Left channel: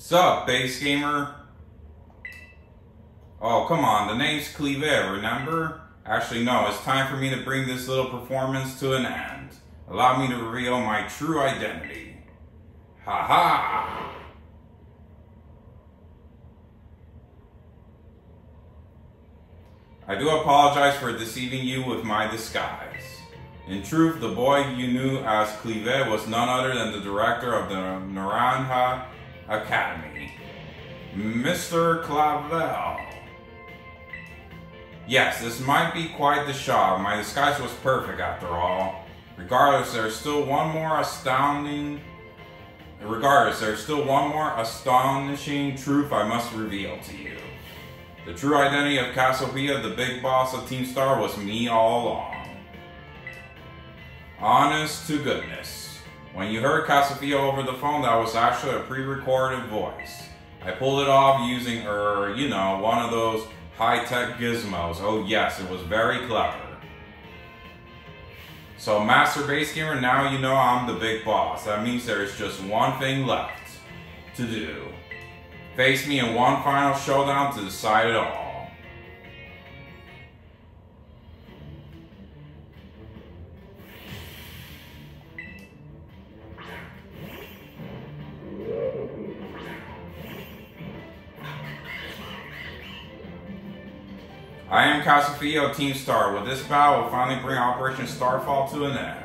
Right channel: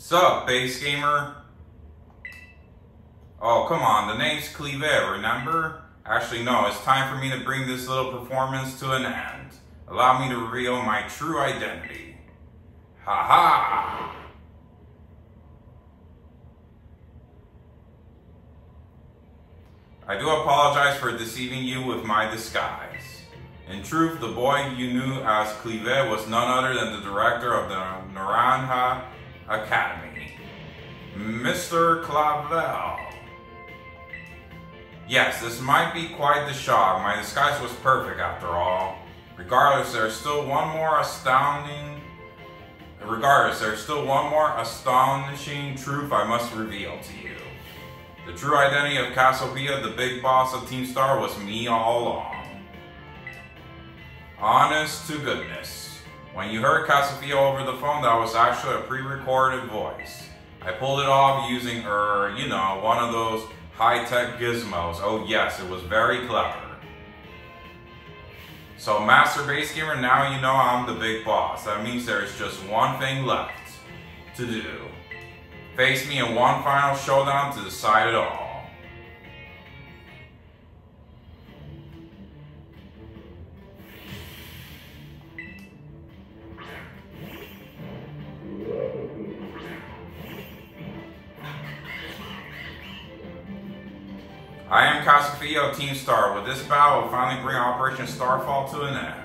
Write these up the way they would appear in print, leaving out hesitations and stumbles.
Sup, base gamer? Oh, come on, the name's Clive, remember? Actually, no, it's time for me to bring this little performance to an end. Allow me to reveal my true identity. Ha ha! I do apologize for deceiving you with my disguise. In truth, the boy you knew as Clive was none other than the director of the Naranja Academy, Mr. Clavel. Yes, this might be quite the shock. My disguise was perfect after all. Regardless, there's still one more astonishing truth I must reveal to you. The true identity of Cassiopeia, the big boss of Team Star, was me all along. Honest to goodness. When you heard Cassiopeia over the phone, that was actually a pre-recorded voice. I pulled it off using, one of those high-tech gizmos. Oh yes, it was very clever. So Master Base Gamer, now you know I'm the big boss. That means there's just one thing left to do. Face me in one final showdown to decide it all. I am Cassiopeia of Team Star. With this battle, we'll finally bring Operation Starfall to an end.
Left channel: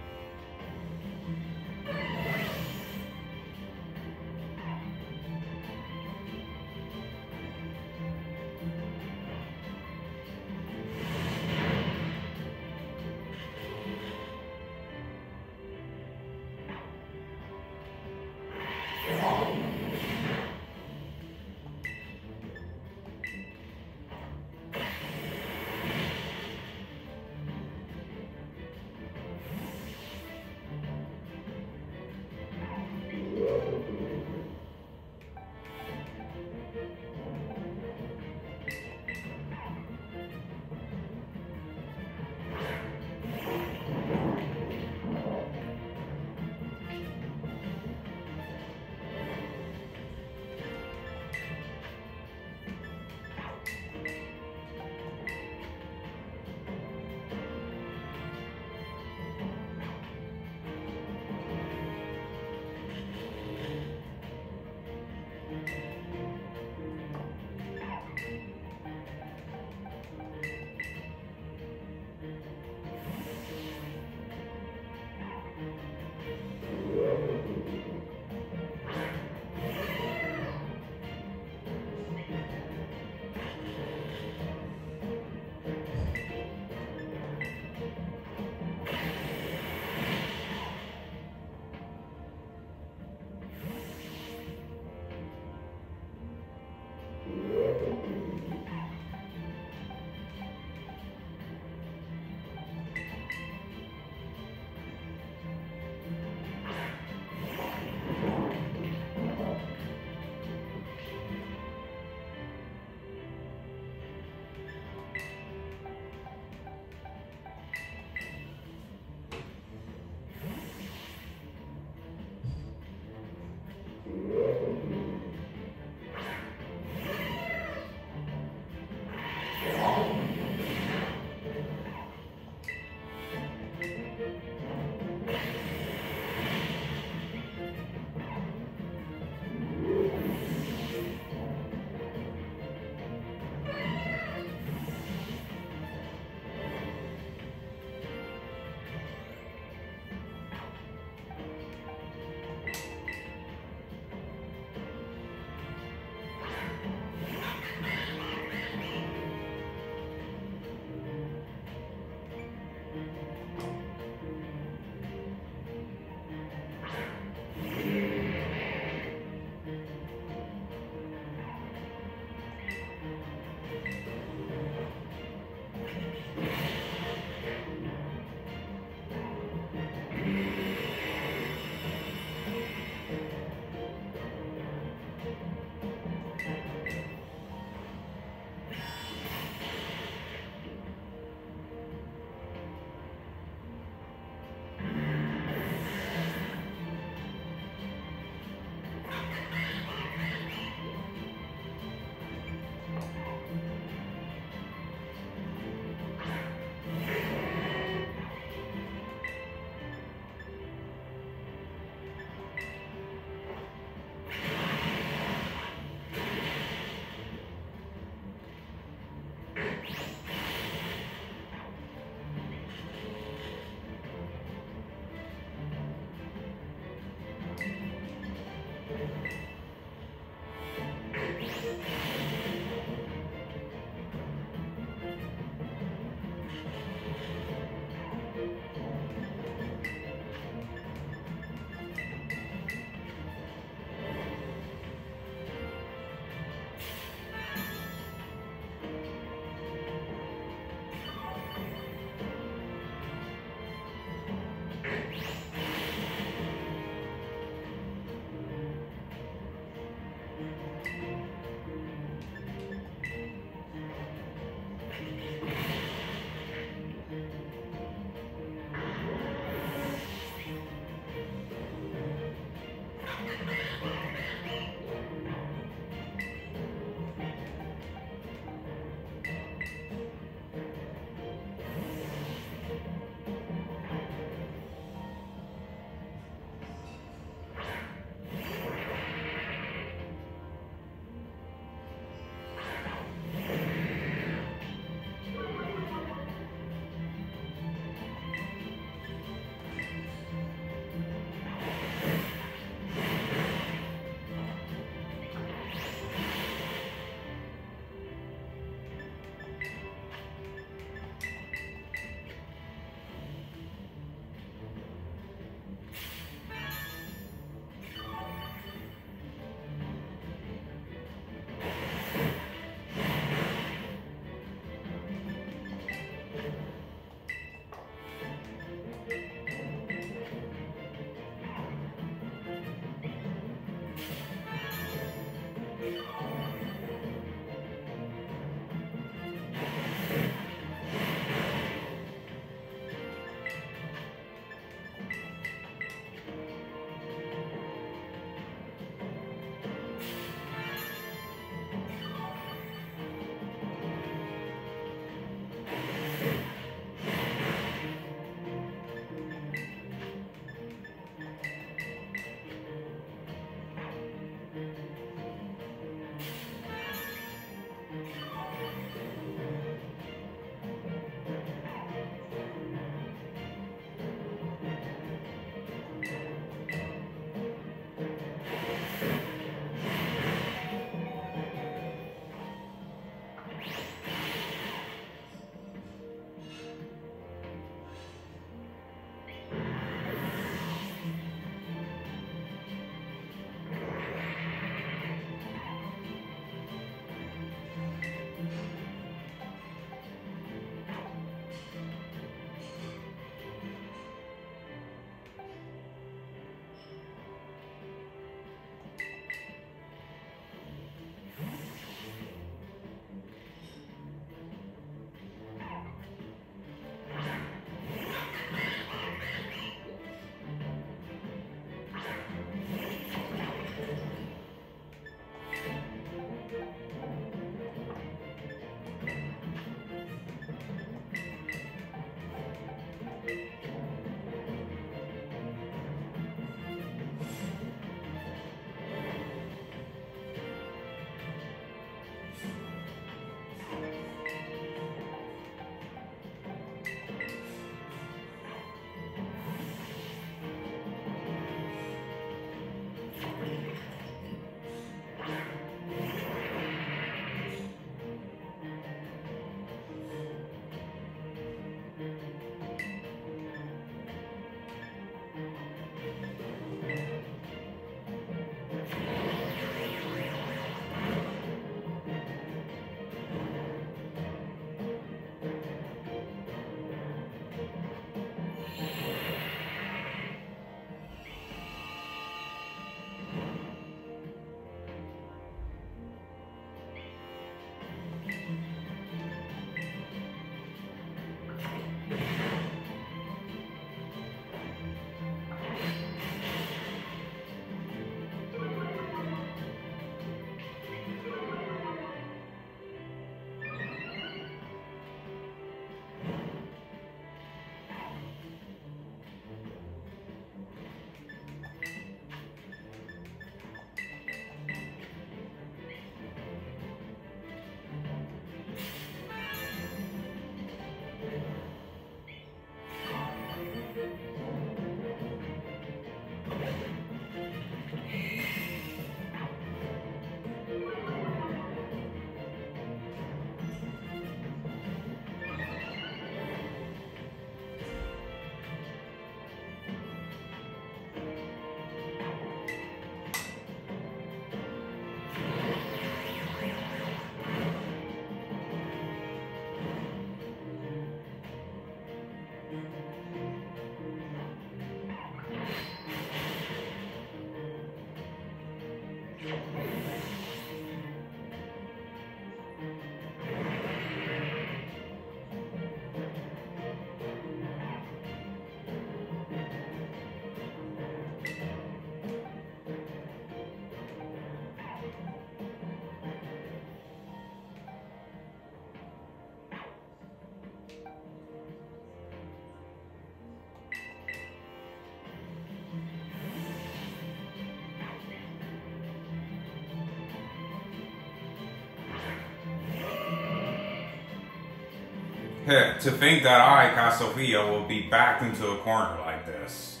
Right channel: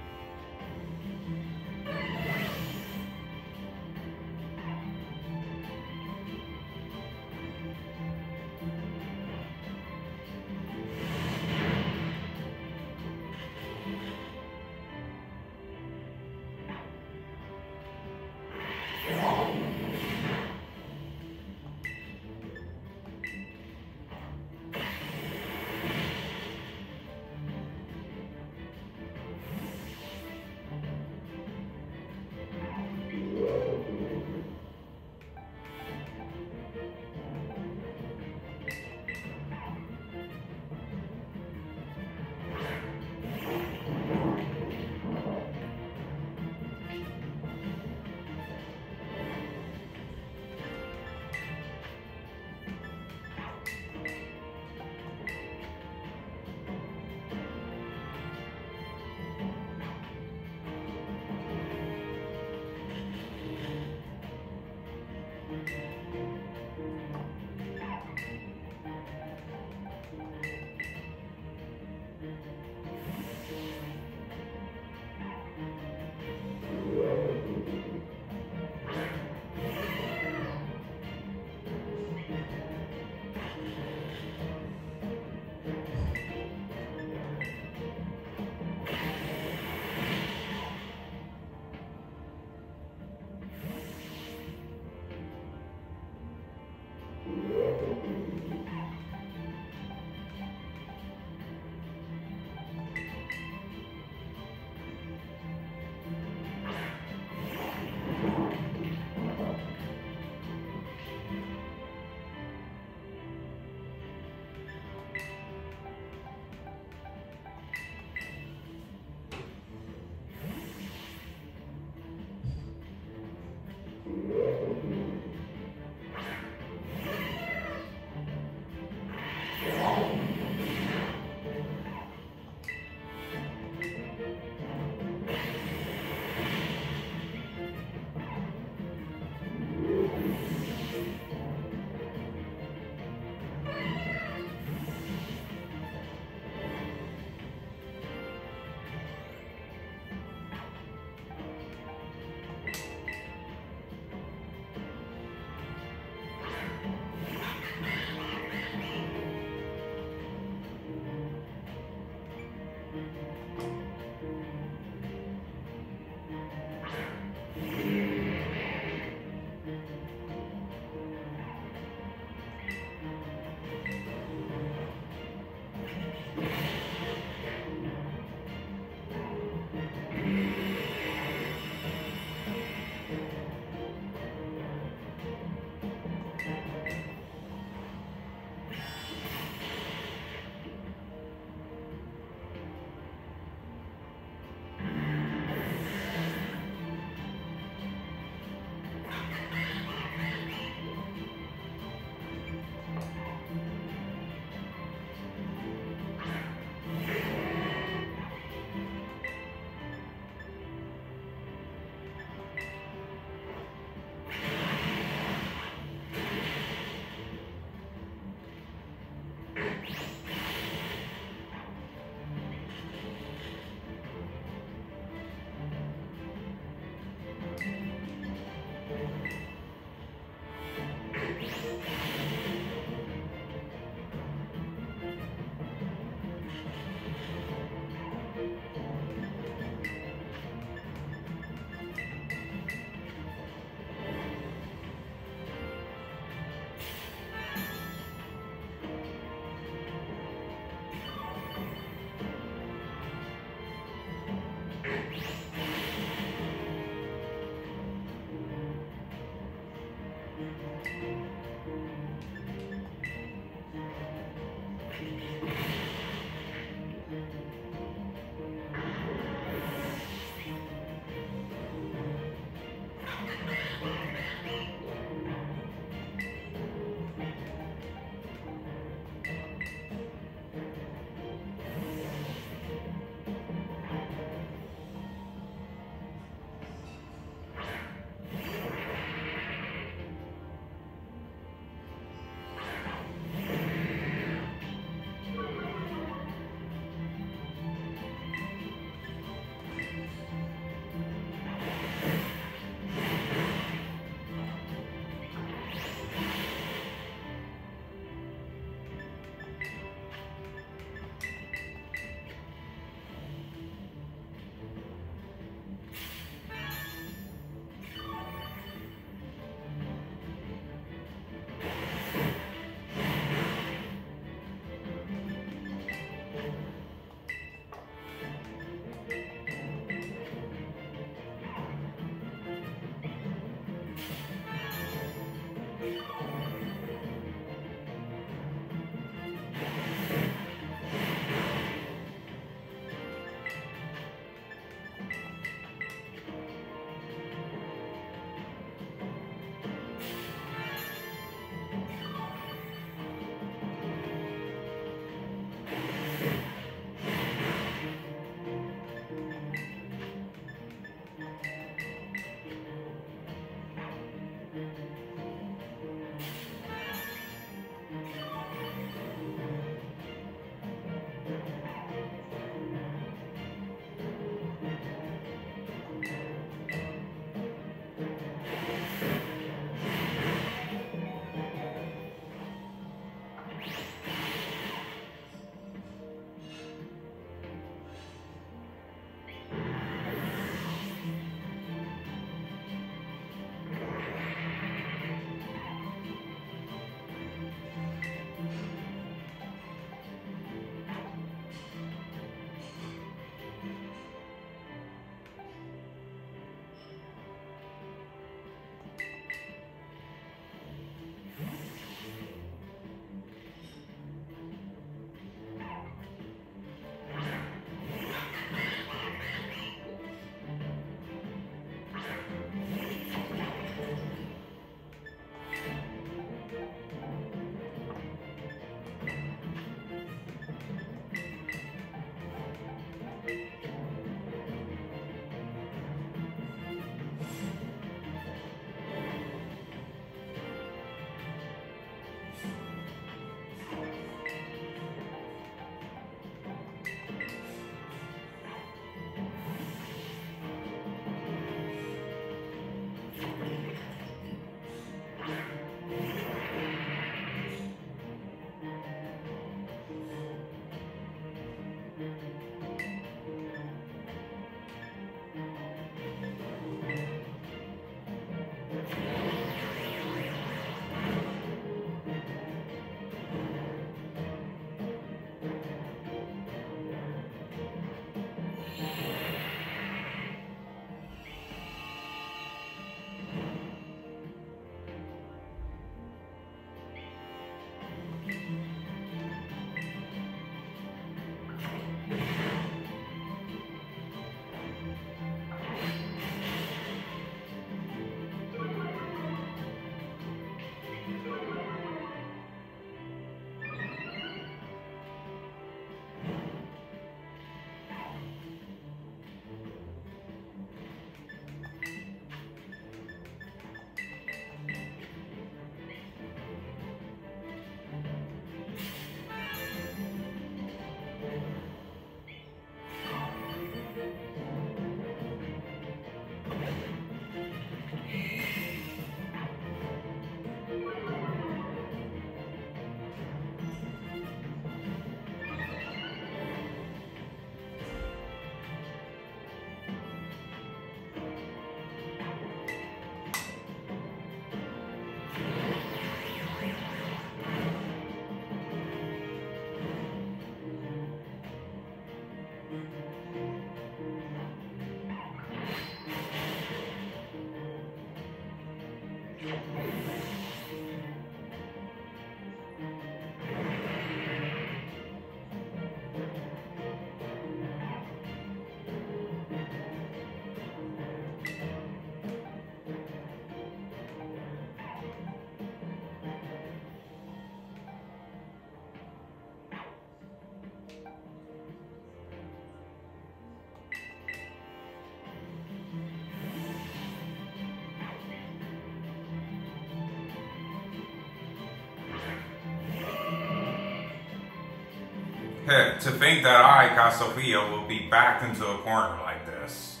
To think that I, Casofia, will be backed into a corner like this.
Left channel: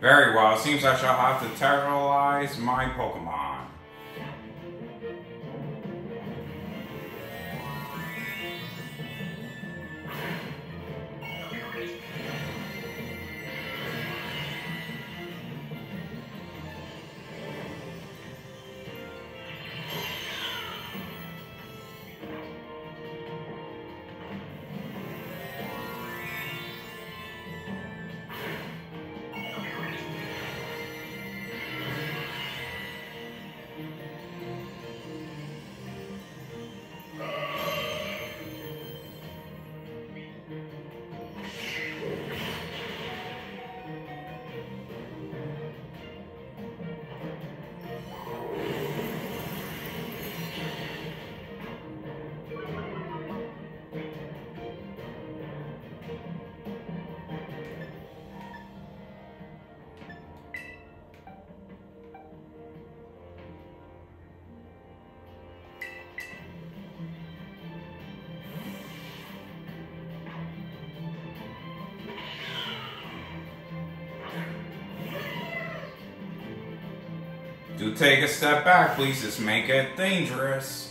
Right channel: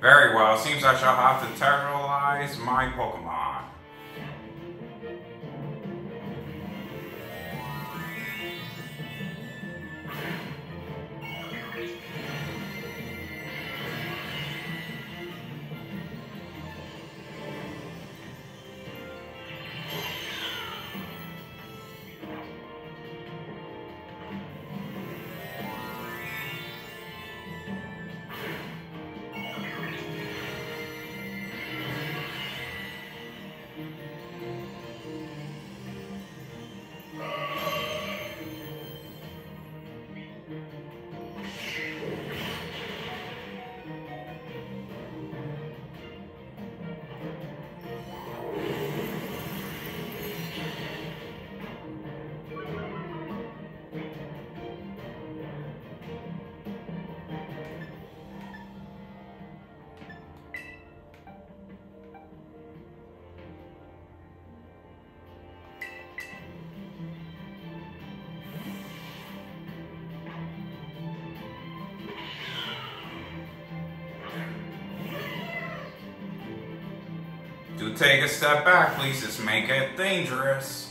Very well, seems I shall have to terrorize my Pokemon. Do take a step back, please. Just make it dangerous.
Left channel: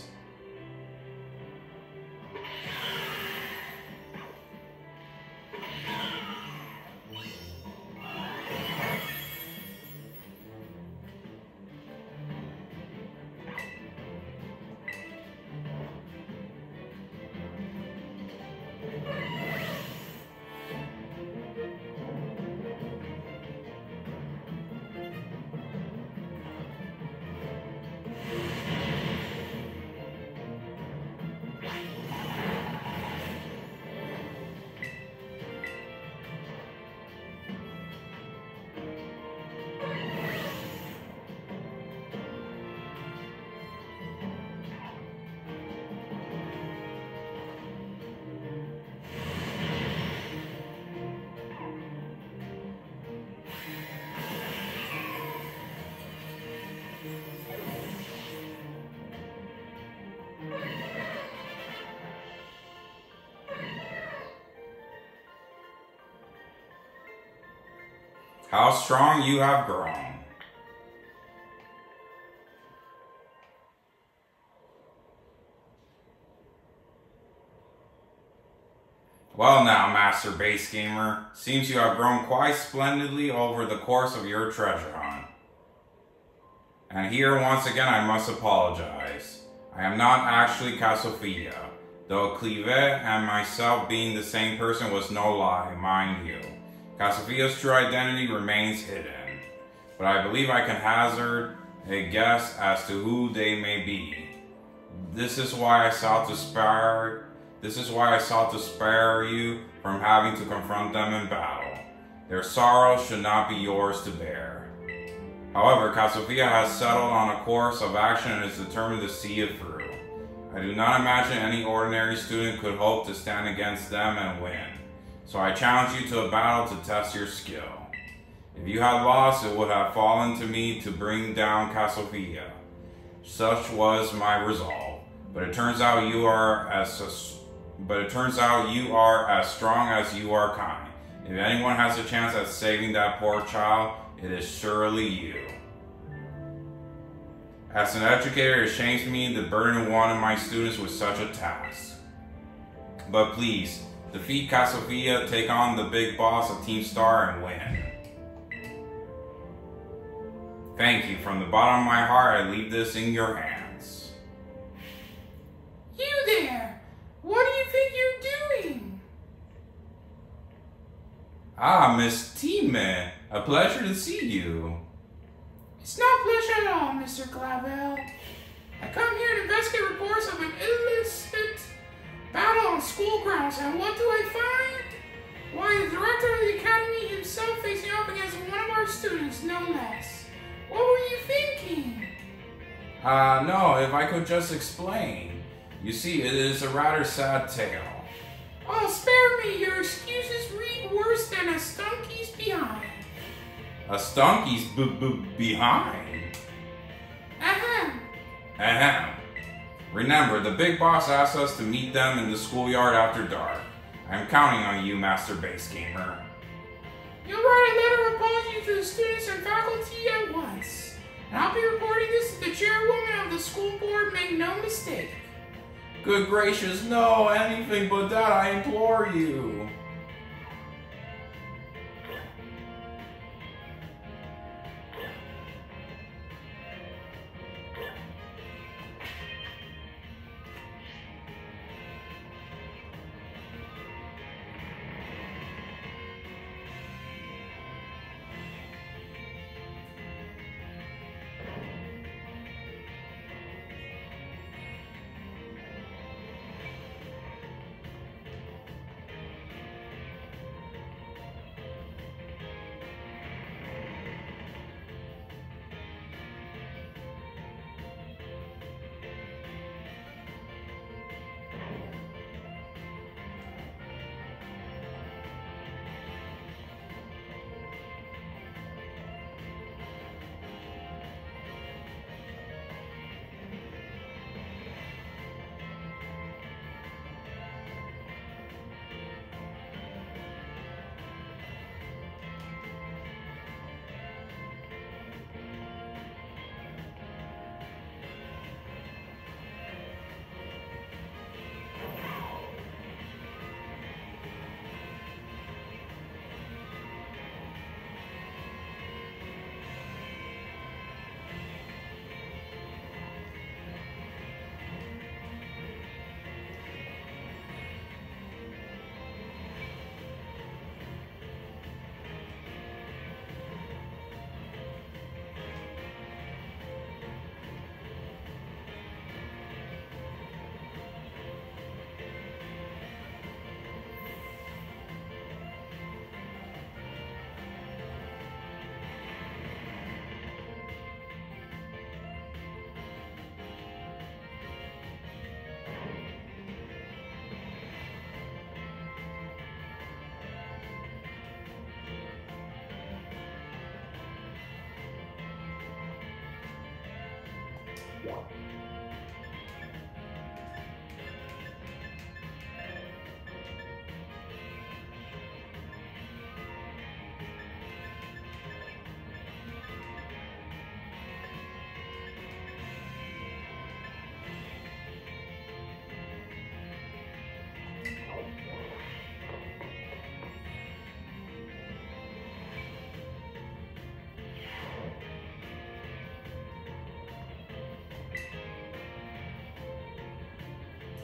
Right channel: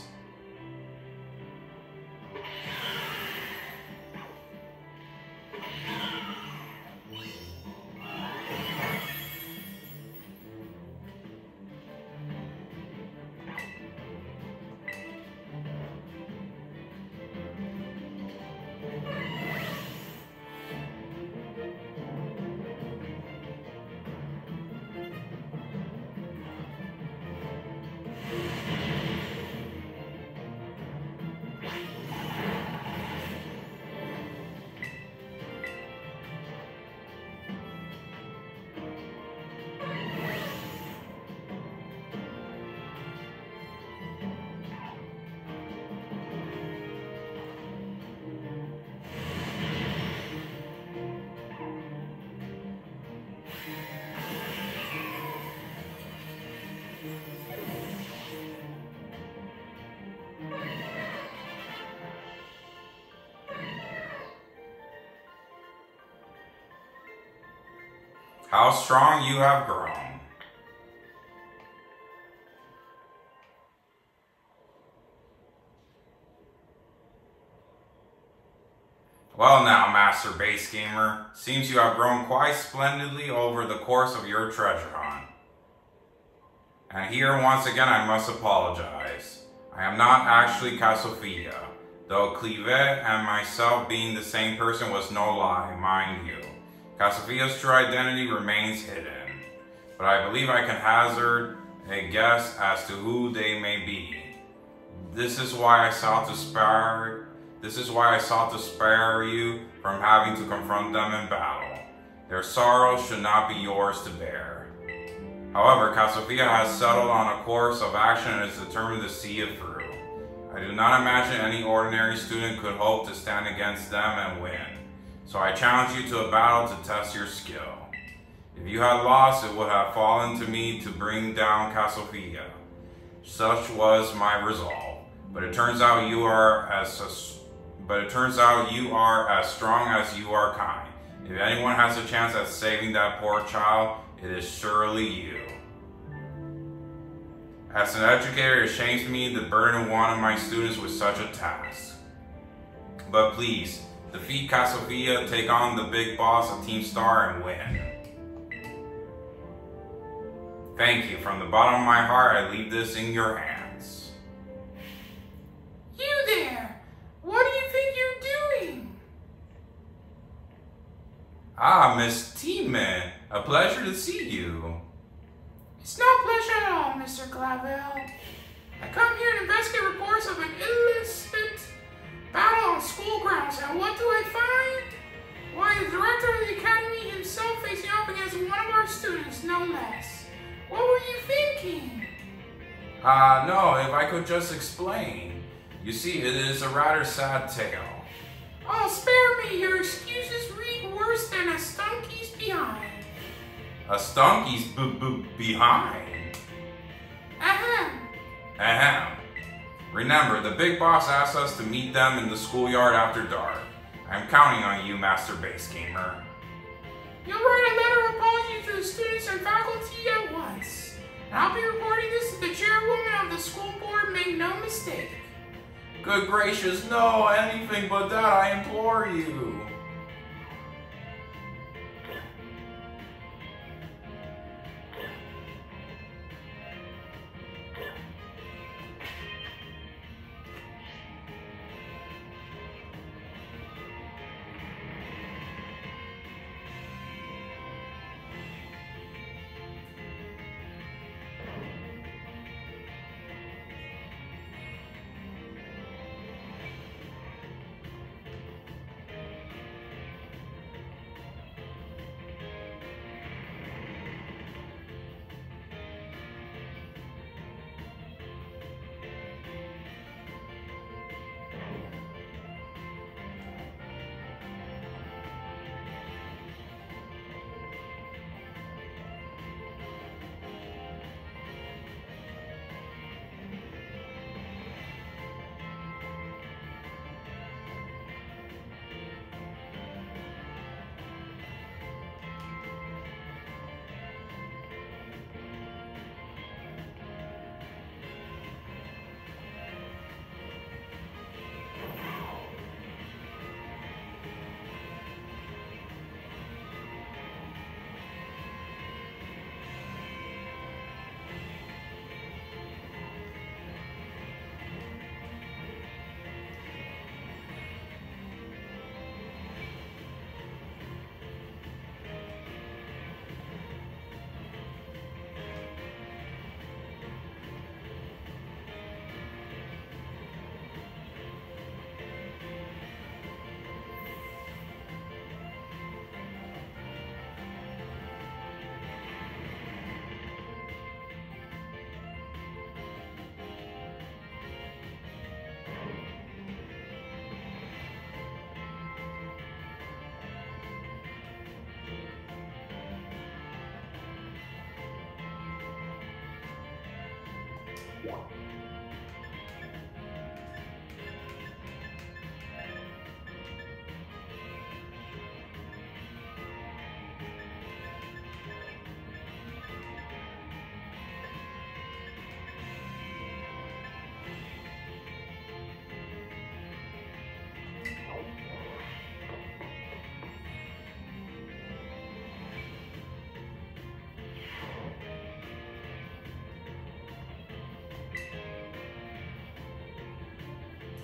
How strong you have grown. Well now, Master Base Gamer, seems you have grown quite splendidly over the course of your treasure hunt. And here once again I must apologize. I am not actually Casofia, though Clive and myself being the same person was no lie, mind you. Casofia's true identity remains hidden, but I believe I can hazard a guess as to who they may be. This is why I sought to spare you from having to confront them in battle. Their sorrow should not be yours to bear. However, Casofia has settled on a course of action and is determined to see it through. I do not imagine any ordinary student could hope to stand against them and win. So I challenge you to a battle to test your skill. If you had lost, it would have fallen to me to bring down Casofia. Such was my resolve. But it turns out you are as strong as you are kind. If anyone has a chance at saving that poor child, it is surely you. As an educator, it shames me to burden one of my students with such a task. But please, defeat Casofia, take on the big boss of Team Star, and win. Thank you. From the bottom of my heart, I leave this in your hands. You there! What do you think you're doing? Ah, Miss Time, a pleasure to see you. It's no pleasure at all, Mr. Clavel. I come here to investigate reports of an illicit battle on school grounds, and what do I find? Why, the director of the academy himself facing off against one of our students, no less. What were you thinking? No, if I could just explain. You see, it is a rather sad tale. Oh, spare me, your excuses read worse than a stunky's behind. A stunky's behind? Ahem. Ahem. Remember, the big boss asked us to meet them in the schoolyard after dark. I'm counting on you, Master Base Gamer. You'll write a letter of apology to the students and faculty at once. And I'll be reporting this to the chairwoman of the school board, make no mistake. Good gracious, no, anything but that, I implore you.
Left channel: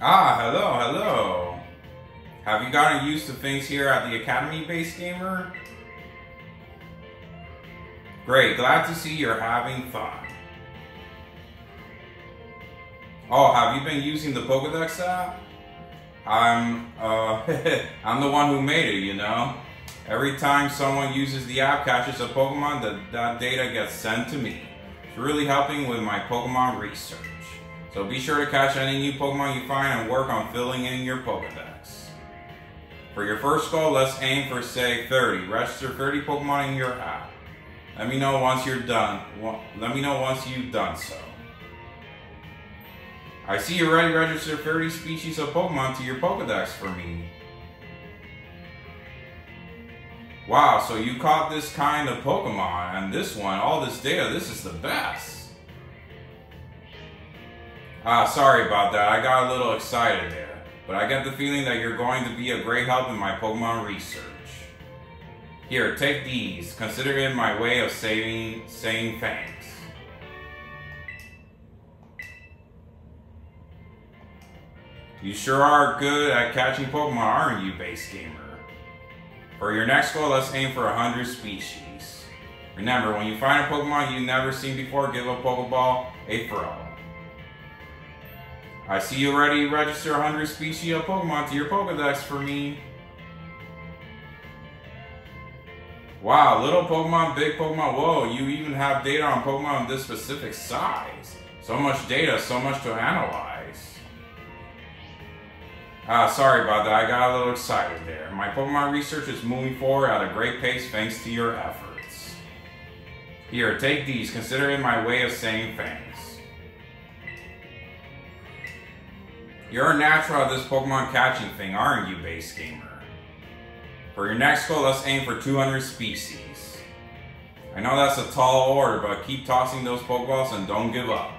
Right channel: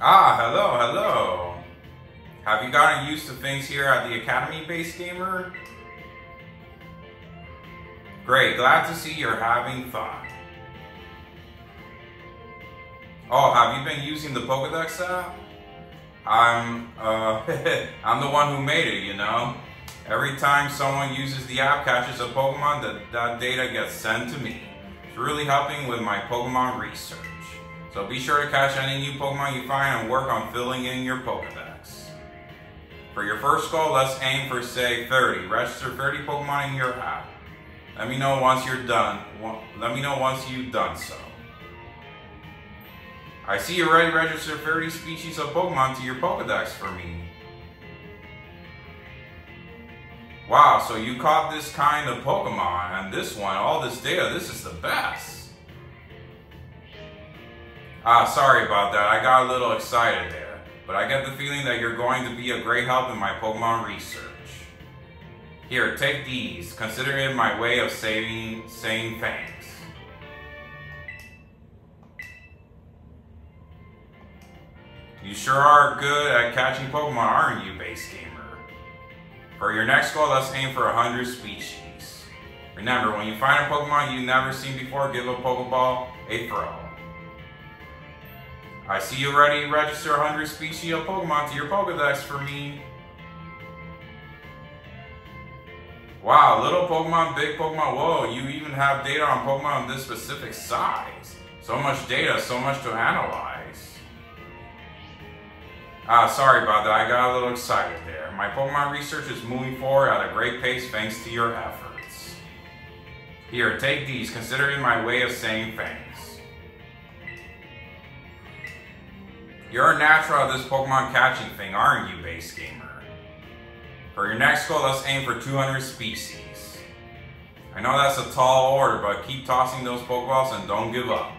Ah, hello. Have you gotten used to things here at the Academy, Base Gamer? Great, glad to see you're having fun. Oh, have you been using the Pokédex app? I'm the one who made it, you know? Every time someone uses the app, catches a Pokemon, that data gets sent to me. It's really helping with my Pokemon research. So be sure to catch any new Pokemon you find and work on filling in your Pokédex. For your first goal, let's aim for, say, 30. Register 30 Pokemon in your app. Let me know once you're done. Let me know once you've done so. I see you already registered 30 species of Pokemon to your Pokédex for me. Wow, so you caught this kind of Pokemon, and this one, all this data, this is the best. Ah, sorry about that, I got a little excited there. But I get the feeling that you're going to be a great help in my Pokemon research. Here, take these. Consider it my way of saying thanks. You sure are good at catching Pokemon, aren't you, base gamer? For your next goal, let's aim for 100 species. Remember, when you find a Pokemon you've never seen before, give a Pokeball a throw. I see you ready to register 100 species of Pokemon to your Pokedex for me. Wow, little Pokemon, big Pokemon, whoa, you even have data on Pokemon of this specific size. So much data, so much to analyze. Sorry about that, I got a little excited there. My Pokemon research is moving forward at a great pace thanks to your efforts. Here, take these, consider it my way of saying thanks. You're a natural at this Pokemon catching thing, aren't you, base gamer? For your next goal, let's aim for 200 species. I know that's a tall order, but keep tossing those Pokeballs and don't give up.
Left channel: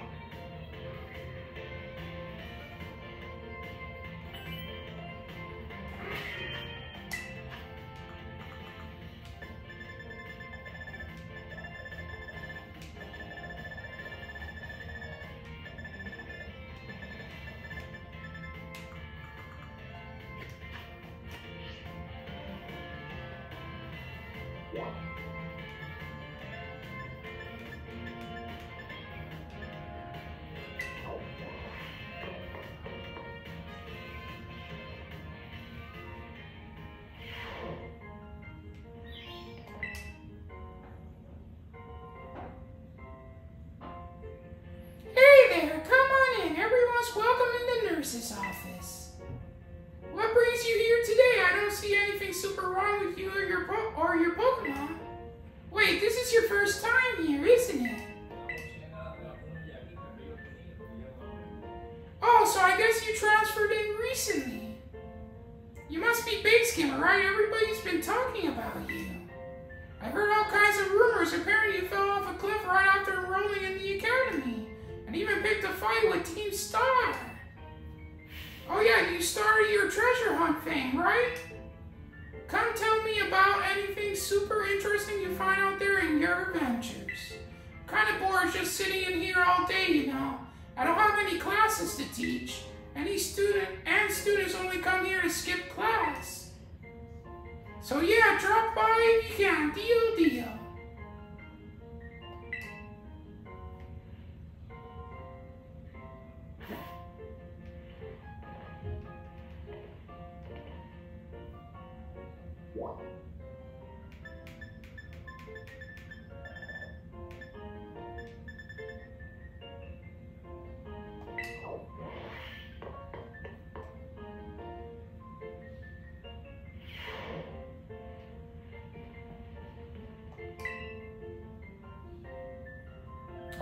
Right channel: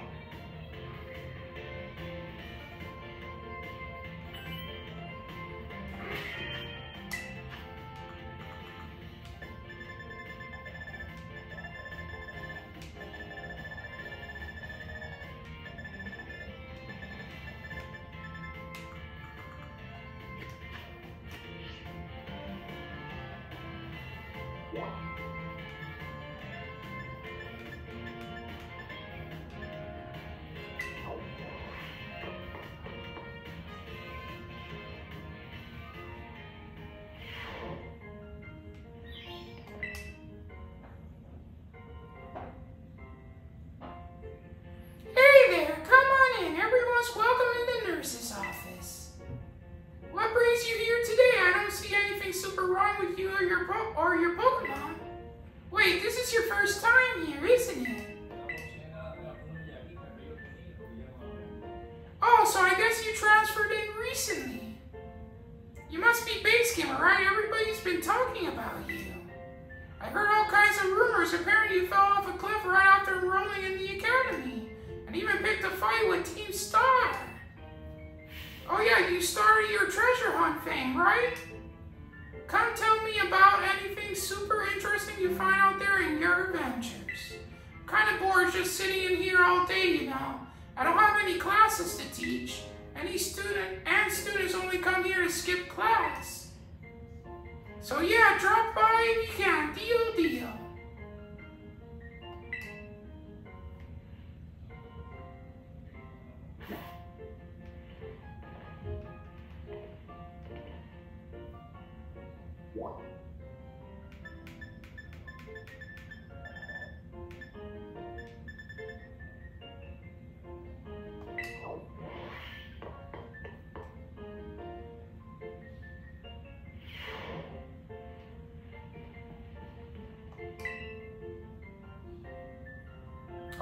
Your Pokemon? Wait, this is your first time here, isn't it? Oh, so I guess you transferred in recently. You must be base gamer, right? Everybody's been talking about you. I heard all kinds of rumors. Apparently you fell off a cliff right after enrolling in the academy. And even picked a fight with Team Star. Oh yeah, you started your treasure hunt thing, right? Come tell me about anything super interesting you find out there in your adventures. I'm kind of bored just sitting in here all day, you know. I don't have any classes to teach. Students only come here to skip class. So yeah, drop by if you can. Deal.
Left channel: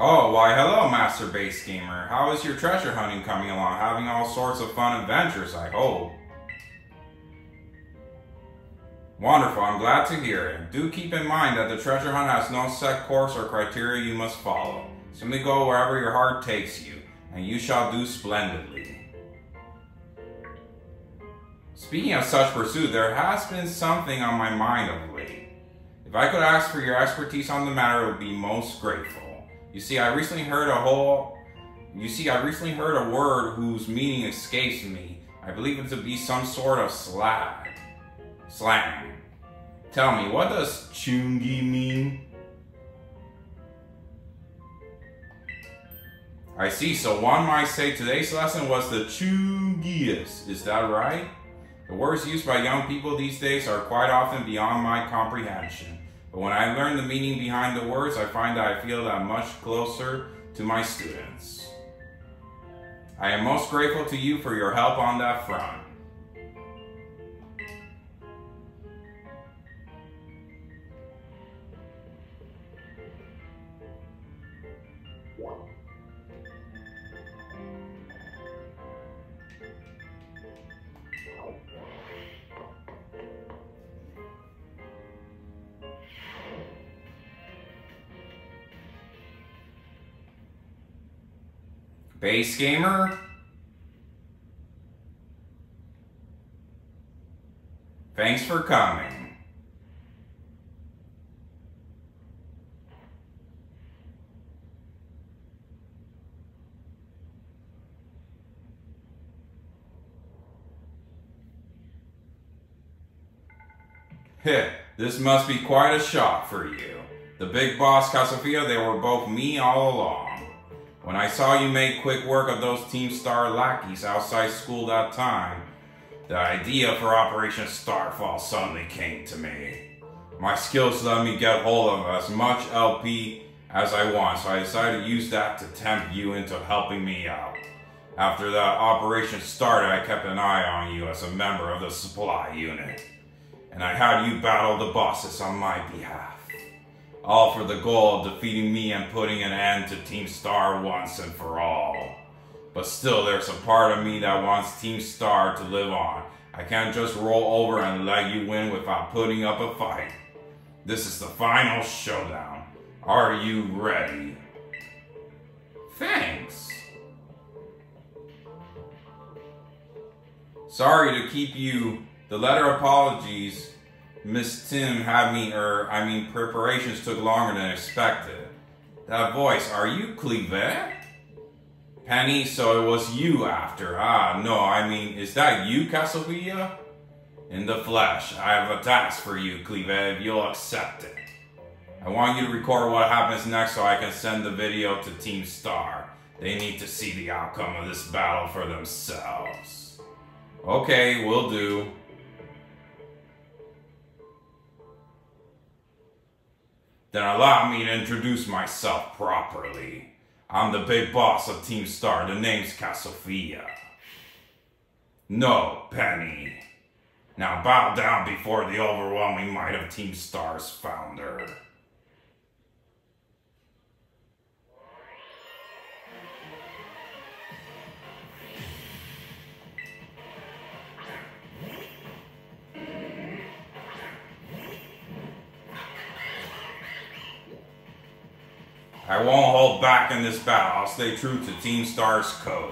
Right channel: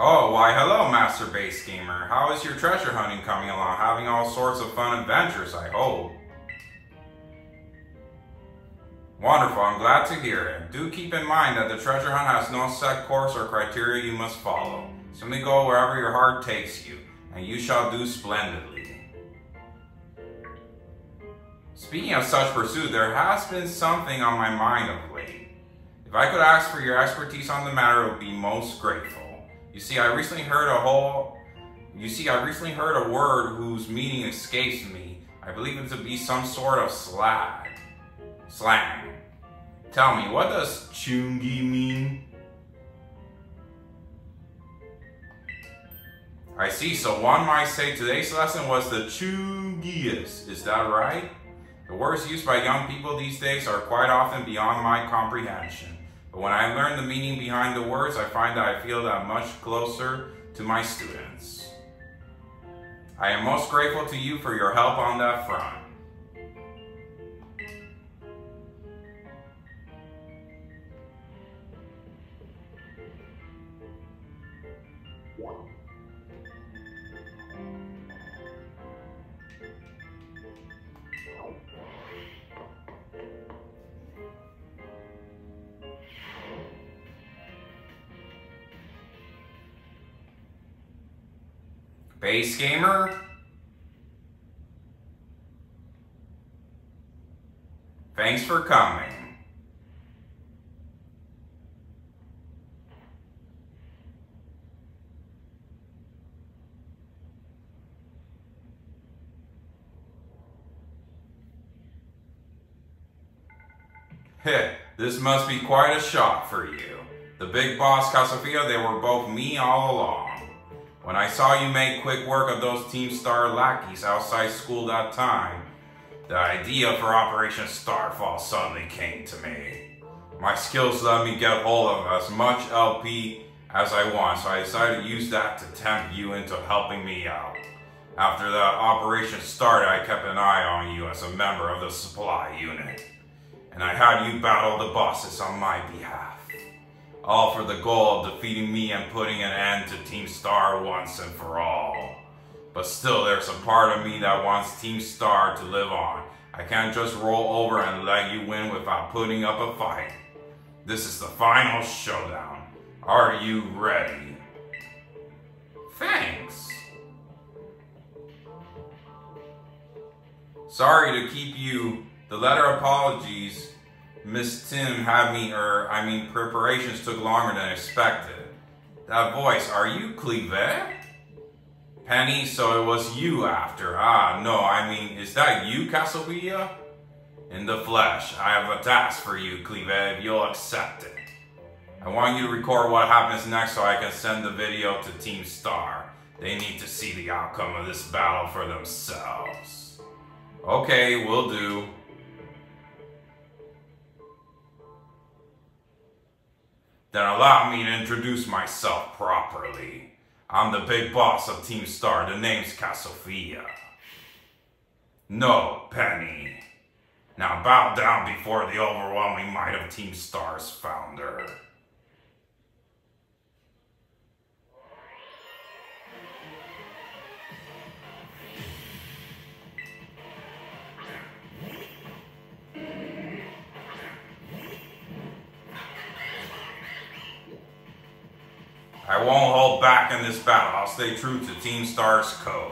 Oh, why hello, Master Base Gamer. How is your treasure hunting coming along? Having all sorts of fun adventures, I hope. Wonderful, I'm glad to hear it. Do keep in mind that the treasure hunt has no set course or criteria you must follow. Simply go wherever your heart takes you, and you shall do splendidly. Speaking of such pursuit, there has been something on my mind of late. If I could ask for your expertise on the matter, I would be most grateful. You see, I recently heard a word whose meaning escapes me. I believe it to be some sort of slang. Tell me, what does chungi mean? I see, so one might say today's lesson was the chungiest. Is that right? The words used by young people these days are quite often beyond my comprehension. But when I learn the meaning behind the words, I find that I feel that much closer to my students. I am most grateful to you for your help on that front. Base Gamer? Thanks for coming. Heh, this must be quite a shock for you. The big boss, Casofia, they were both me all along. When I saw you make quick work of those Team Star lackeys outside school that time, the idea for Operation Starfall suddenly came to me. My skills let me get hold of as much LP as I want, so I decided to use that to tempt you into helping me out. After the operation started, I kept an eye on you as a member of the supply unit, and I had you battle the bosses on my behalf. All for the goal of defeating me and putting an end to Team Star once and for all. But still, there's a part of me that wants Team Star to live on. I can't just roll over and let you win without putting up a fight. This is the final showdown. Are you ready? Thanks. Sorry to keep you. The letter apologies Miss Tim had preparations took longer than expected. That voice, are you Clive? Penny, so it was you after. Is that you, Casovia? In the flesh, I have a task for you, Clive, if you'll accept it. I want you to record what happens next so I can send the video to Team Star. They need to see the outcome of this battle for themselves. Okay, will do. Then allow me to introduce myself properly. I'm the big boss of Team Star. The name's Casofia. No, Penny. Now bow down before the overwhelming might of Team Star's founder. I won't hold back in this battle. I'll stay true to Team Star's code.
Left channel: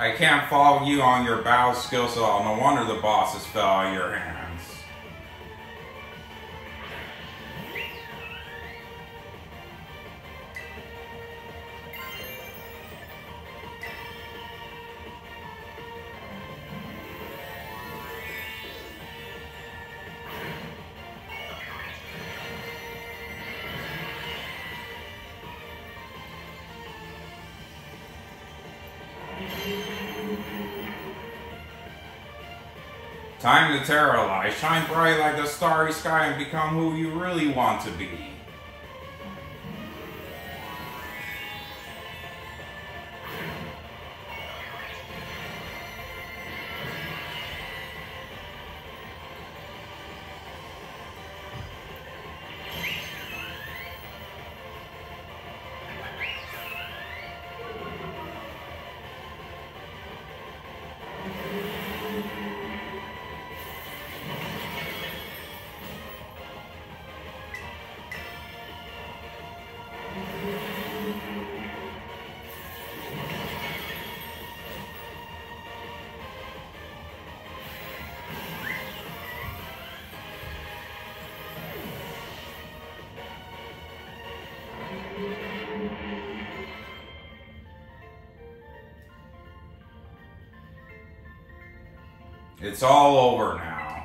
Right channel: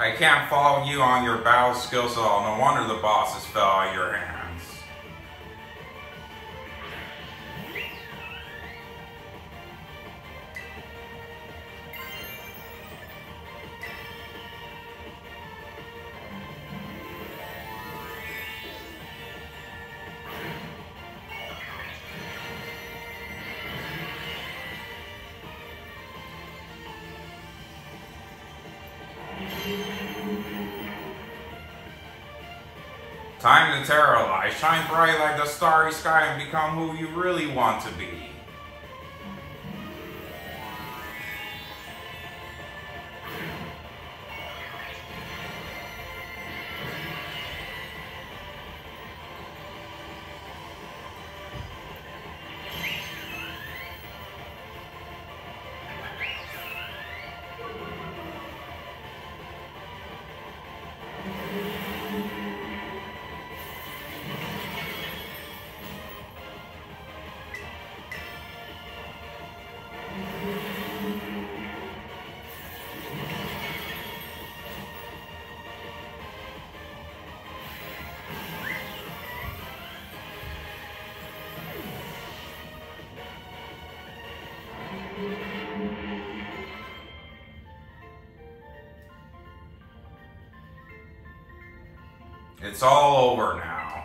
I can't follow you on your battle skills at all. No wonder the bosses fell out of your hands. Time to terrorize. Shine bright like the starry sky and become who you really want to be. It's all over now.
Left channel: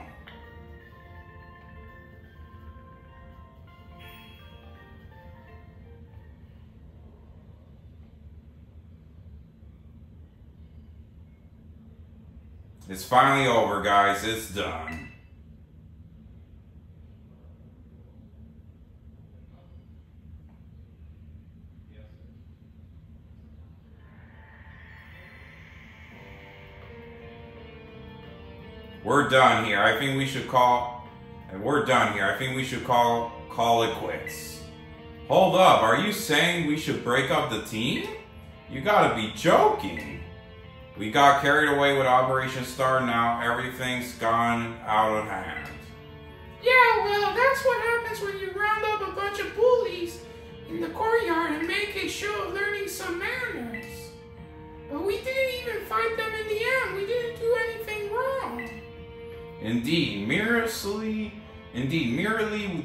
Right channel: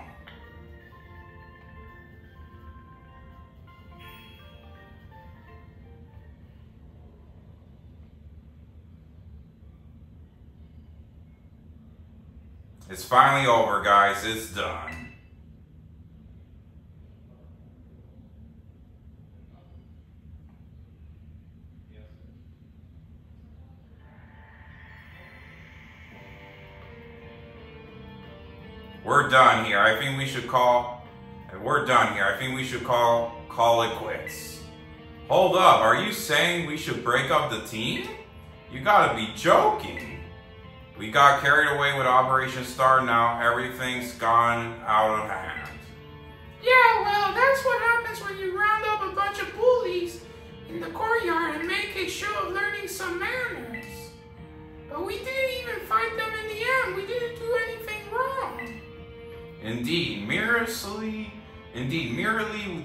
It's finally over, guys. It's done. We're done here. I think we should call it quits. Hold up, are you saying we should break up the team? You gotta be joking. We got carried away with Operation Star, now everything's gone out of hand. Yeah, well, that's what happens when you round up a bunch of bullies in the courtyard and make a show of learning some manners. But we didn't even fight them in the end. We didn't do anything wrong. Indeed, merely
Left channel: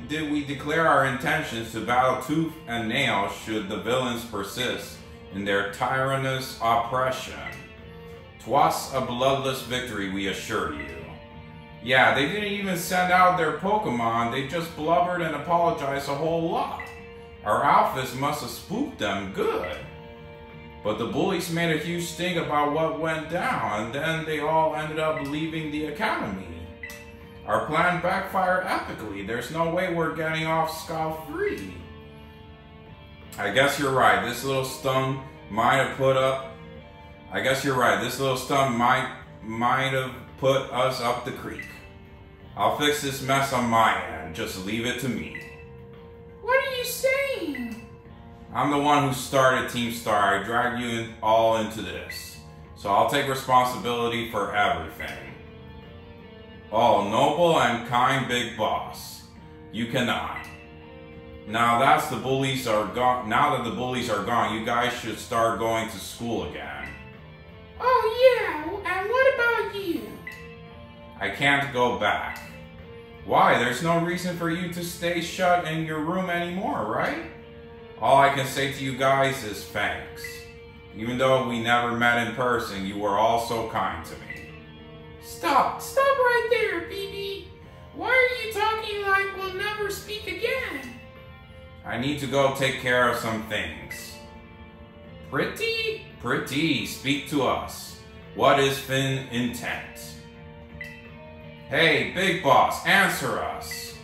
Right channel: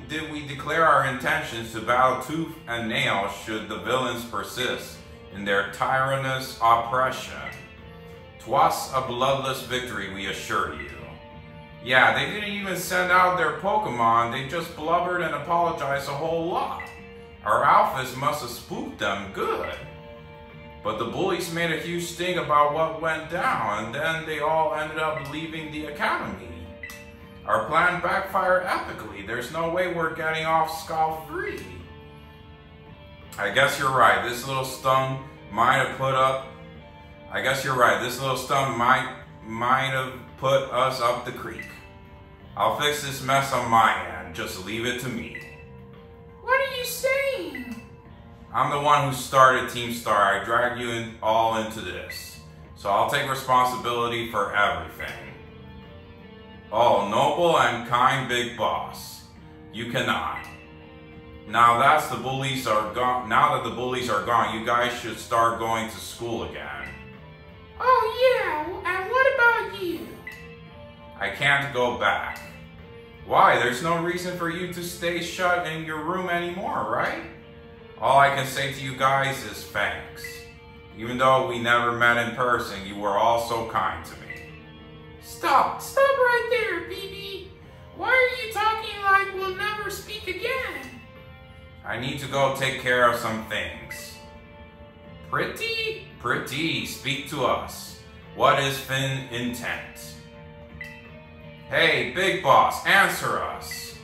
did we declare our intentions to battle tooth and nail should the villains persist in their tyrannous oppression. 'Twas a bloodless victory, we assure you. Yeah, they didn't even send out their Pokemon, they just blubbered and apologized a whole lot. Our outfits must have spooked them good. But the bullies made a huge stink about what went down, and then they all ended up leaving the academy. Our plan backfired epically. There's no way we're getting off scot-free. I guess you're right. This little stunt might have put us up the creek. I'll fix this mess on my end. Just leave it to me. What are you saying? I'm the one who started Team Star. I dragged you all into this. So I'll take responsibility for everything. Oh, noble and kind big boss. You cannot. Now that the bullies are gone, you guys should start going to school again. Oh yeah, and what about you? I can't go back. Why? There's no reason for you to stay shut in your room anymore, right? All I can say to you guys is thanks. Even though we never met in person, you were all so kind to me. Stop right there, BB. Why are you talking like we'll never speak again? I need to go take care of some things. Pretty, speak to us. What is Finn intent? Hey, big boss, answer us.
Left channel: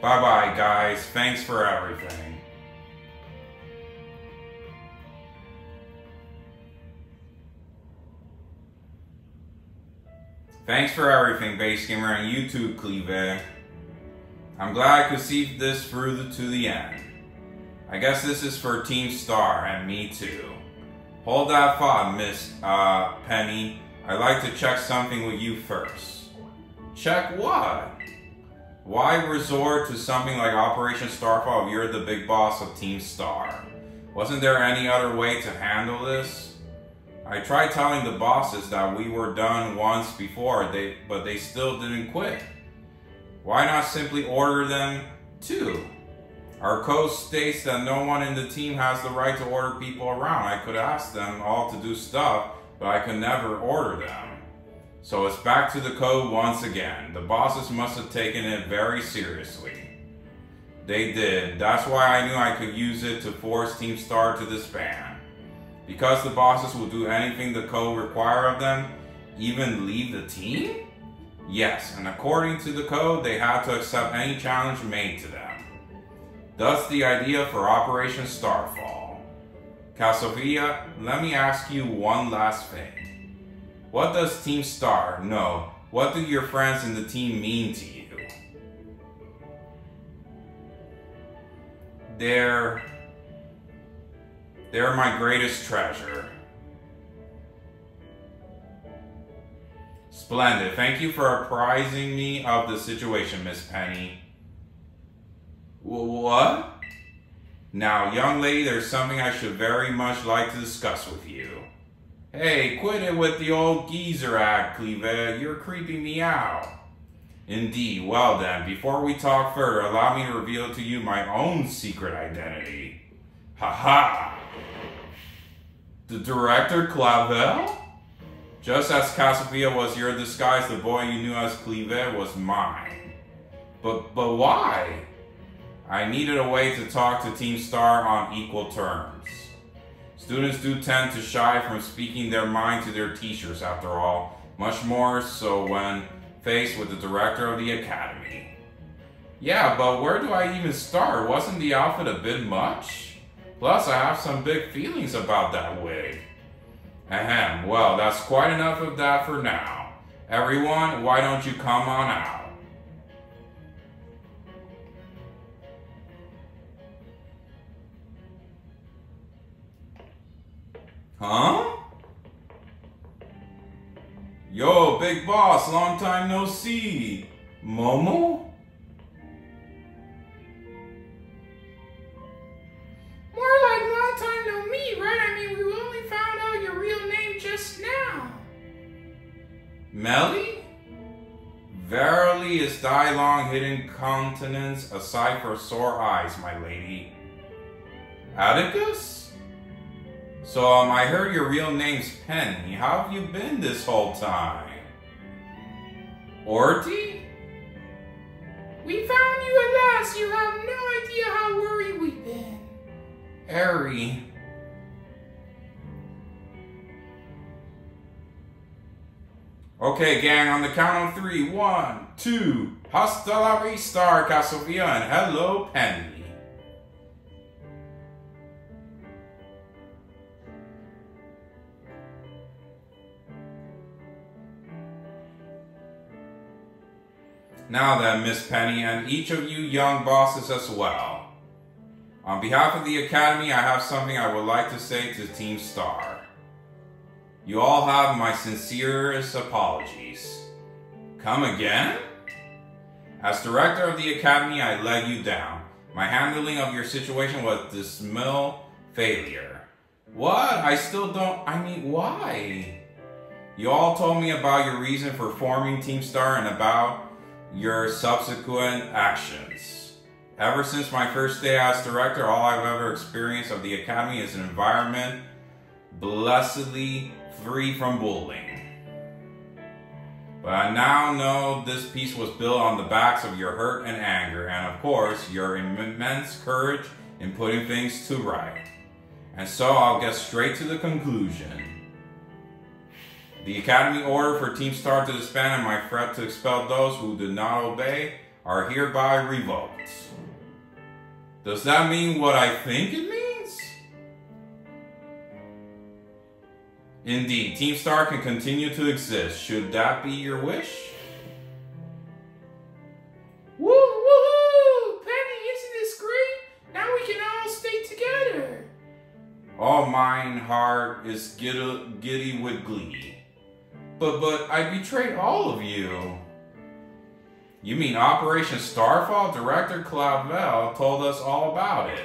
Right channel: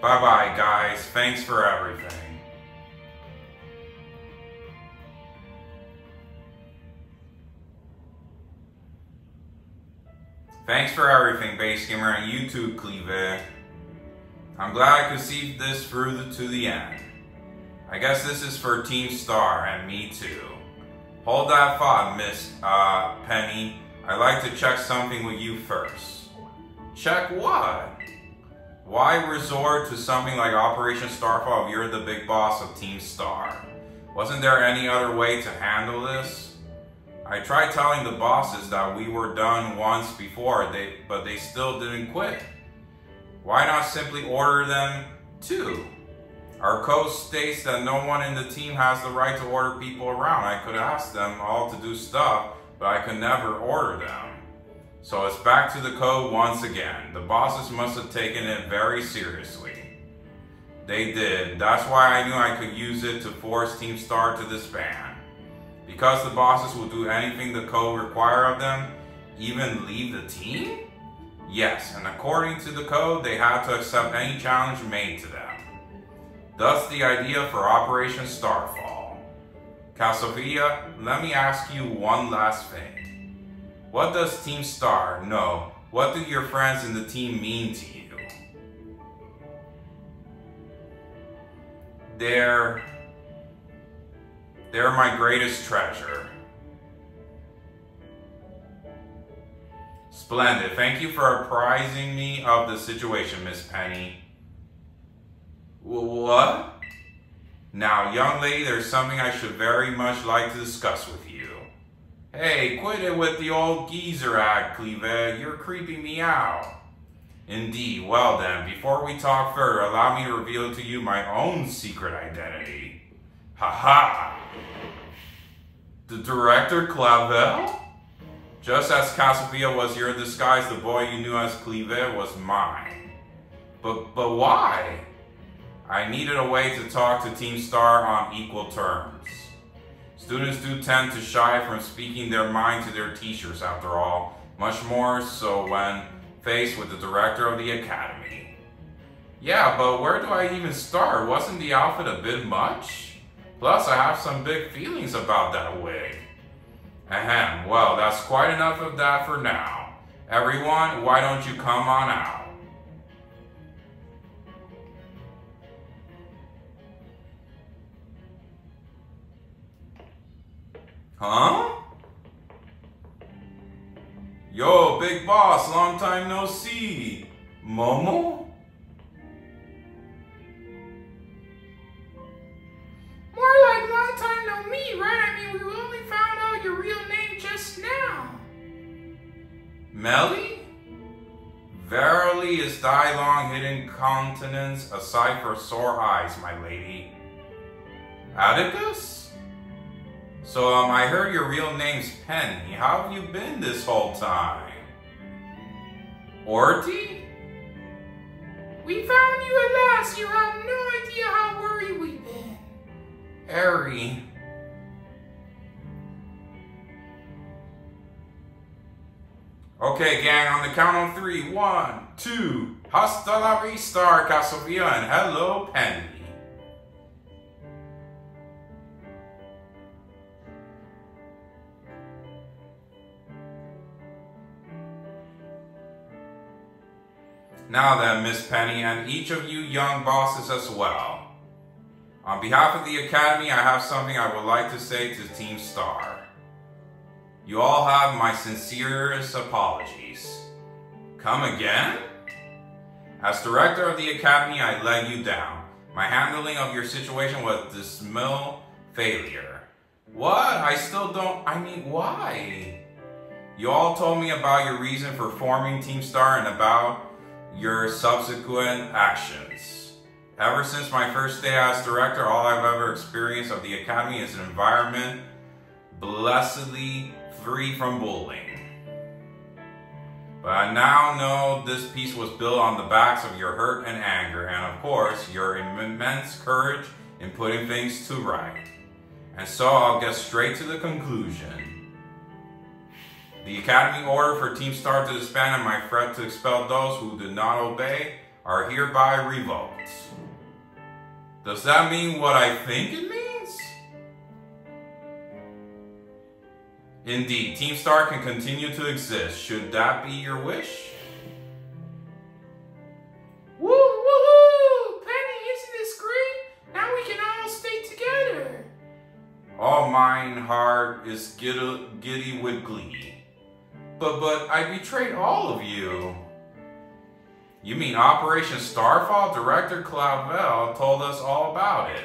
Bye-bye, guys. Thanks for everything. Thanks for everything, Base Gamer, and you too, Cleve. I'm glad I could see this through to the end. I guess this is for Team Star, and me too. Hold that thought, Miss Penny. I'd like to check something with you first. Check what? Why resort to something like Operation Starfall if you're the big boss of Team Star? Wasn't there any other way to handle this? I tried telling the bosses that we were done once before, but they still didn't quit. Why not simply order them too? Our code states that no one in the team has the right to order people around. I could ask them all to do stuff, but I could never order them. So it's back to the code once again. The bosses must have taken it very seriously. They did. That's why I knew I could use it to force Team Star to disband. Because the bosses will do anything the code requires of them, even leave the team? Yes, and according to the code, they had to accept any challenge made to them. Thus the idea for Operation Starfall. Casovia, let me ask you one last thing. What does Team Star know? What do your friends in the team mean to you? They're my greatest treasure. Splendid. Thank you for apprising me of the situation, Miss Penny. What? Now, young lady, there's something I should very much like to discuss with you. Hey, quit it with the old geezer act, Cleve. You're creeping me out. Indeed. Well then, before we talk further, allow me to reveal to you my own secret identity. Ha-ha! The director, Clavel? Just as Casovia was your disguise, the boy you knew as Cleve was mine. But why? I needed a way to talk to Team Star on equal terms. Students do tend to shy from speaking their mind to their teachers, after all, much more so when faced with the director of the academy. Yeah, but where do I even start? Wasn't the outfit a bit much? Plus, I have some big feelings about that wig. Ahem, well, that's quite enough of that for now. Everyone, why don't you come on out? Huh? Yo, big boss, long time no see. Momo? More like long time no me, right? I mean, we only found out your real name just now. Melly? Verily is thy long hidden countenance a sight for sore eyes, my lady. Atticus? So, I heard your real name's Penny. How have you been this whole time? Orty? We found you at last. You have no idea how worried we've been. Harry. Okay, gang, on the count of 3. 1, 2. Hasta la vista, Casovia, and hello, Penny. Now then, Miss Penny, and each of you young bosses as well. On behalf of the Academy, I have something I would like to say to Team Star. You all have my sincerest apologies. Come again? As director of the Academy, I let you down. My handling of your situation was dismal failure. What? I still don't... I mean, why? You all told me about your reason for forming Team Star and about your subsequent actions. Ever since my first day as director, all I've ever experienced of the Academy is an environment blessedly free from bullying. But I now know this piece was built on the backs of your hurt and anger, and of course, your immense courage in putting things to right. And so I'll get straight to the conclusion. The Academy order for Team Star to disband and my threat to expel those who did not obey are hereby revoked. Does that mean what I think it means? Indeed, Team Star can continue to exist. Should that be your wish? Woo, woo, Penny, isn't this great? Now we can all stay together. All mine heart is giddy with glee. But I betrayed all of you. You mean Operation Starfall? Director Clavel told us all about it.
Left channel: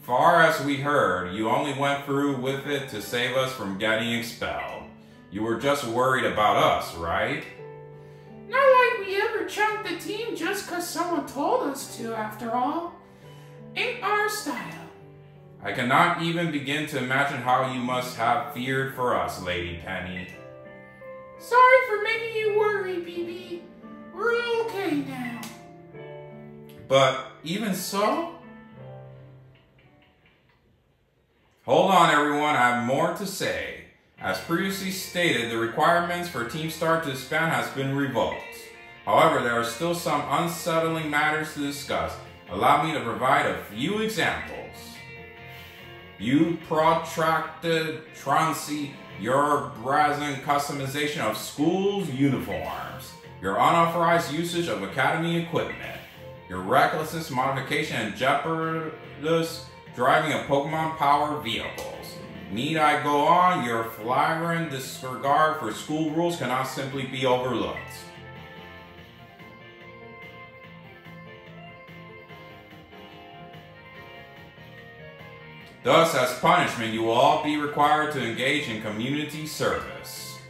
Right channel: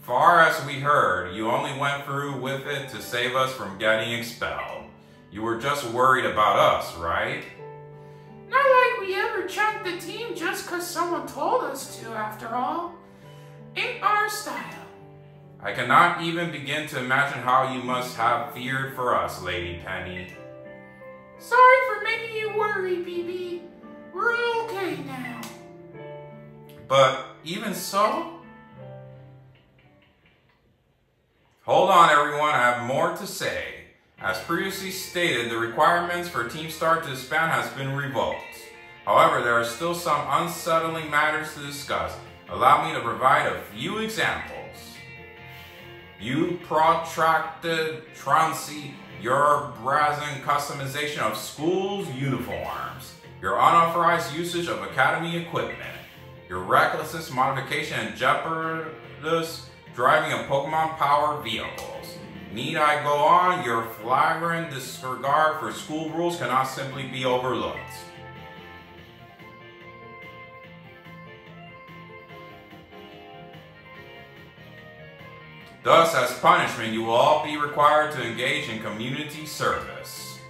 Far as we heard, you only went through with it to save us from getting expelled. You were just worried about us, right? Not like we ever chunked the team just 'cause someone told us to, after all. Ain't our style. I cannot even begin to imagine how you must have feared for us, Lady Penny. Sorry for making you worry, BB. We're okay now. But even so? Hold on, everyone. I have more to say. As previously stated, the requirements for Team Star to disband has been revoked. However, there are still some unsettling matters to discuss. Allow me to provide a few examples. You protracted truancy, your brazen customization of schools' uniforms, your unauthorized usage of academy equipment, your reckless modification and jeopardous driving of Pokemon-powered vehicles. Need I go on? Your flagrant disregard for school rules cannot simply be overlooked. Thus, as punishment, you will all be required to engage in community service.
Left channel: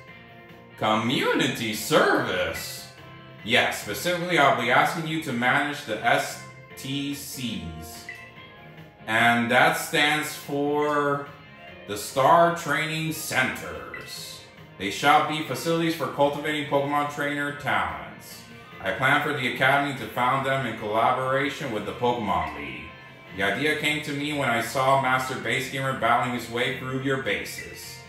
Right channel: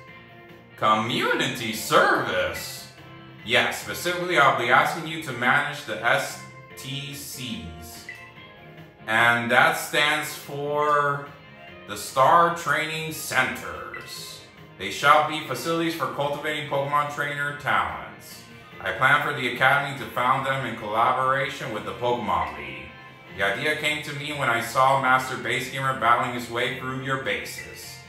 Community service? Yes, specifically I'll be asking you to manage the STCs. And that stands for the Star Training Centers. They shall be facilities for cultivating Pokemon trainer talents. I plan for the Academy to found them in collaboration with the Pokemon League. The idea came to me when I saw Master Base Gamer battling his way through your bases.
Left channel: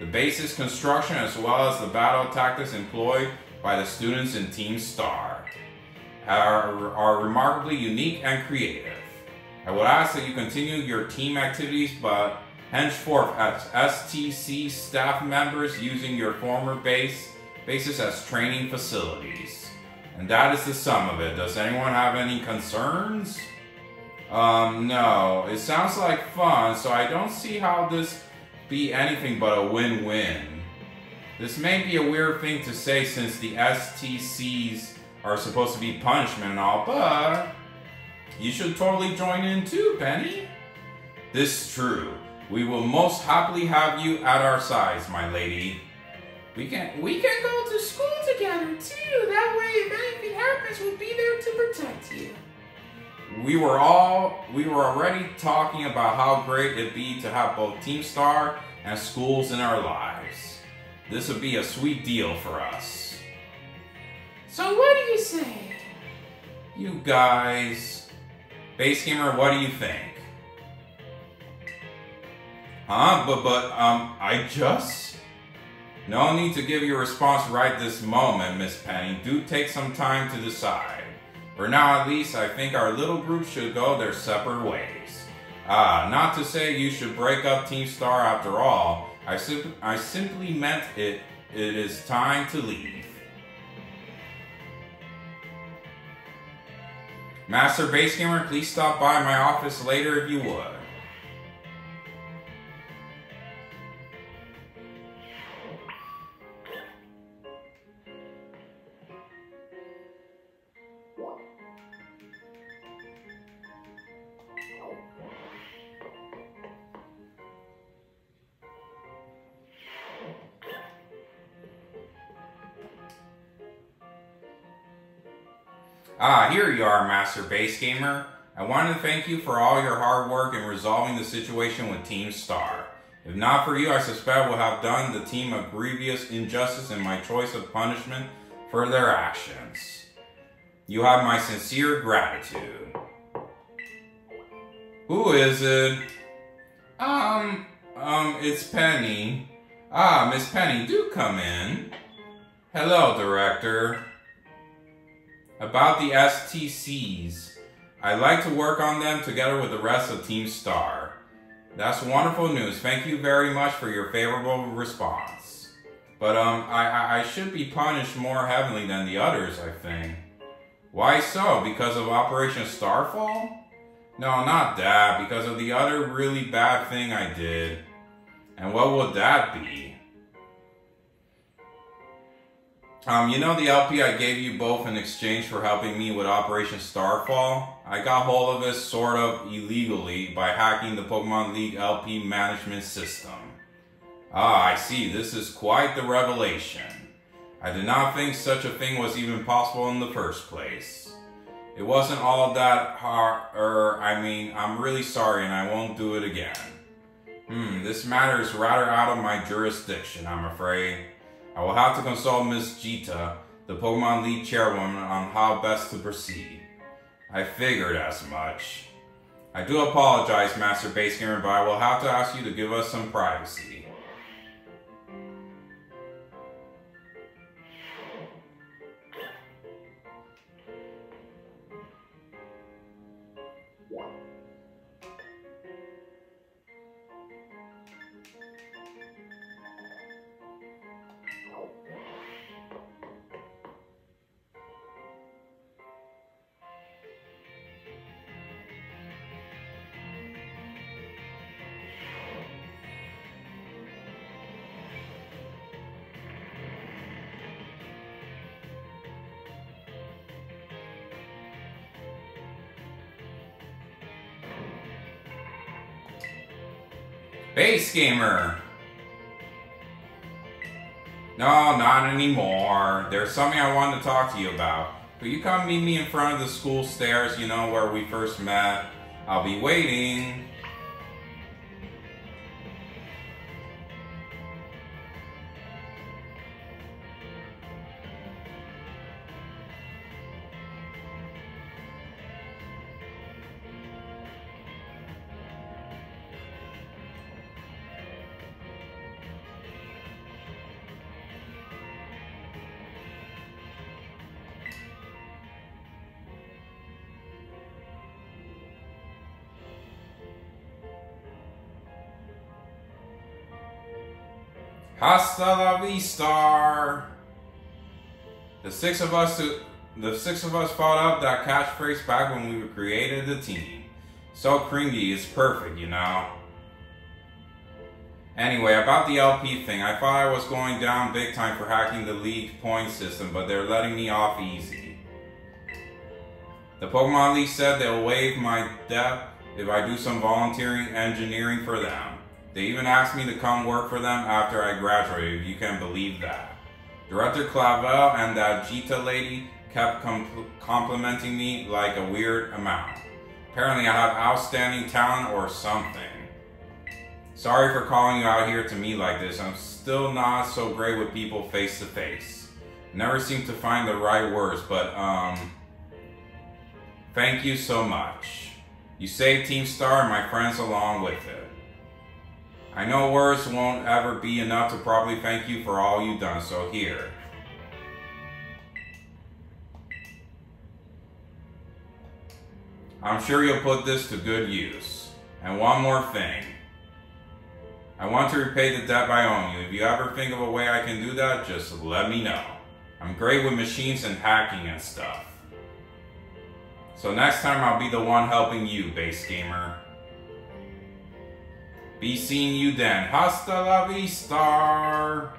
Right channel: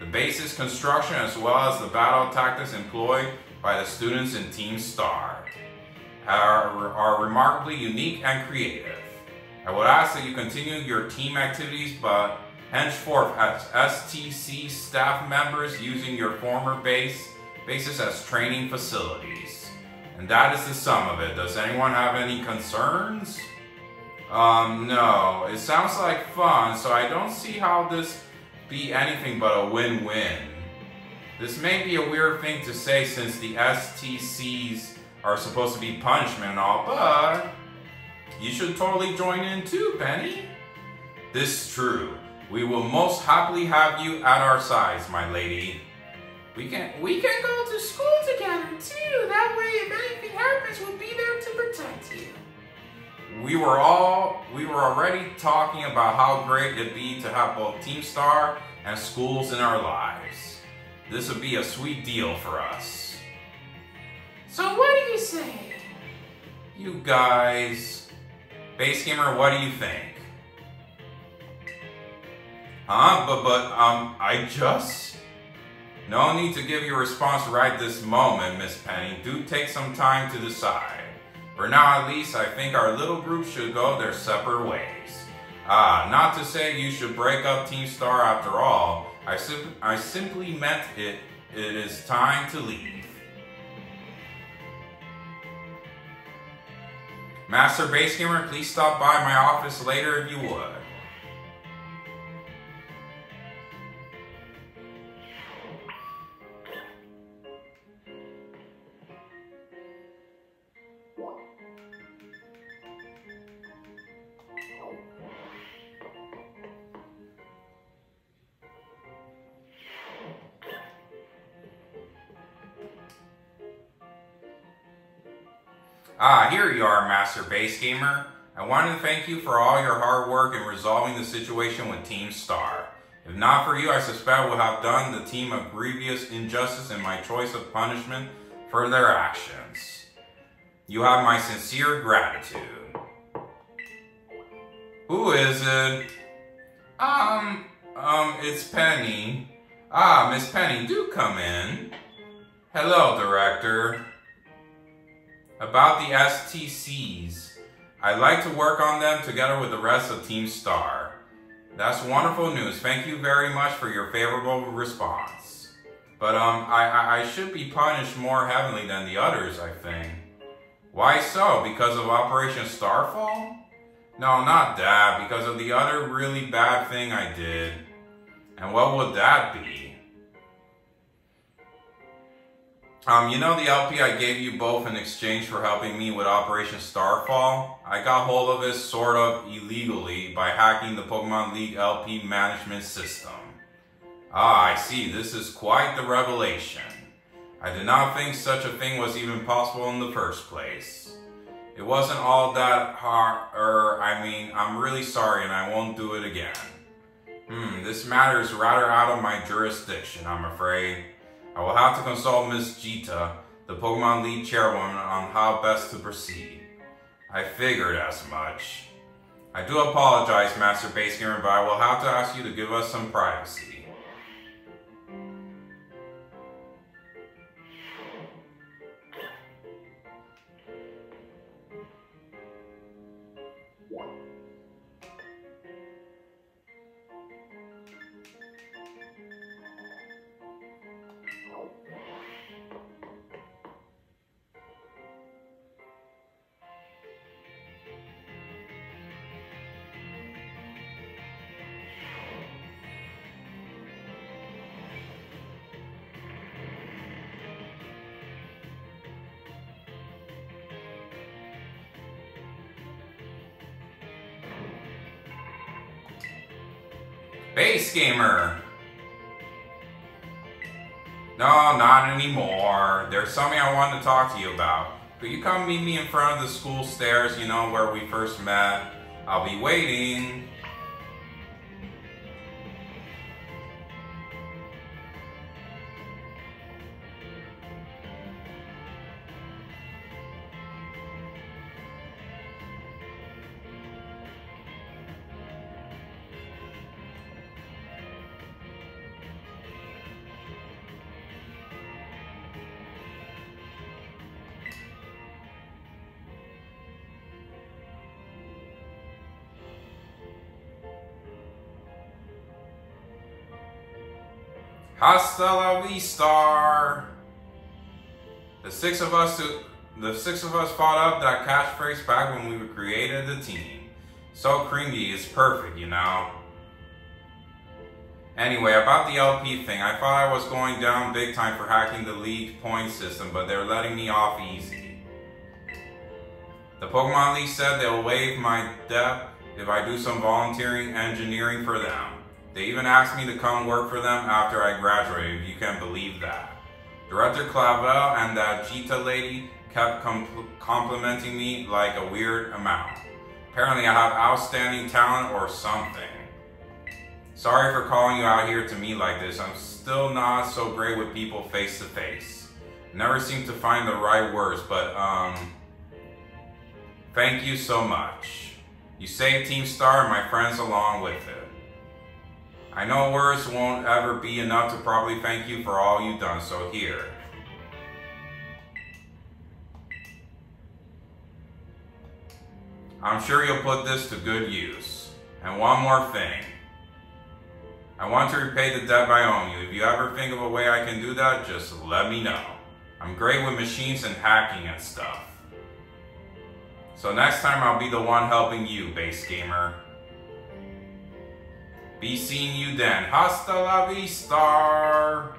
The base's construction as well as the battle tactics employed by the students in Team Star are remarkably unique and creative. I would ask that you continue your team activities, but henceforth as STC staff members using your former bases as training facilities. And that is the sum of it. Does anyone have any concerns? No. It sounds like fun, so I don't see how this be anything but a win-win. This may be a weird thing to say since the STCs are supposed to be punishment and all, but you should totally join in too, Penny. This is true. We will most happily have you at our sides, my lady. We can go to school together too. That way, if anything happens, we'll be there to protect you. We were already talking about how great it'd be to have both Team Star and schools in our lives. This would be a sweet deal for us. So what do you say? You guys, Base Gamer, what do you think? No need to give your response right this moment, Miss Penny. Do take some time to decide. For now, at least, I think our little group should go their separate ways. Not to say you should break up Team Star after all. I simply meant it is time to leave. Master Base Gamer, please stop by my office later if you would. Here you are, Master Base Gamer. I wanted to thank you for all your hard work in resolving the situation with Team Star. If not for you, I suspect I would have done the team a grievous injustice in my choice of punishment for their actions. You have my sincere gratitude. Who is it? It's Penny. Miss Penny, do come in. Hello, Director. About the STCs, I'd like to work on them together with the rest of Team Star. That's wonderful news. Thank you very much for your favorable response. But I should be punished more heavily than the others, I think. Why so? Because of Operation Starfall? No, not that. Because of the other really bad thing I did. And what would that be? You know the LP I gave you both in exchange for helping me with Operation Starfall? I got hold of it sort of illegally by hacking the Pokemon League LP management system. Ah, I see. This is quite the revelation. I did not think such a thing was even possible in the first place. It wasn't all that hard, I'm really sorry and I won't do it again. This matter is rather out of my jurisdiction, I'm afraid. I will have to consult Miss Jita, the Pokemon League chairwoman, on how best to proceed. I figured as much. I do apologize, Master Base Gamer, but I will have to ask you to give us some privacy. Base Gamer! No, not anymore. There's something I wanted to talk to you about. Could you come meet me in front of the school stairs, you know, where we first met? I'll be waiting. Hasta la vista. The six of us fought up that catchphrase back when we created the team. So cringy, it's perfect, you know. Anyway, about the LP thing, I thought I was going down big time for hacking the league point system, but they're letting me off easy. The Pokemon League said they'll waive my debt if I do some volunteering engineering for them. They even asked me to come work for them after I graduated, if you can believe that. Director Clavel and that Jita lady kept complimenting me like a weird amount. Apparently I have outstanding talent or something. Sorry for calling you out here to me like this. I'm still not so great with people face to face. Never seem to find the right words, but thank you so much. You saved Team Star and my friends along with it. I know words won't ever be enough to properly thank you for all you've done, so here. I'm sure you'll put this to good use. And one more thing. I want to repay the debt I owe you. If you ever think of a way I can do that, just let me know. I'm great with machines and hacking and stuff. So next time I'll be the one helping you, Base Gamer. Be seeing you then. Hasta la vista.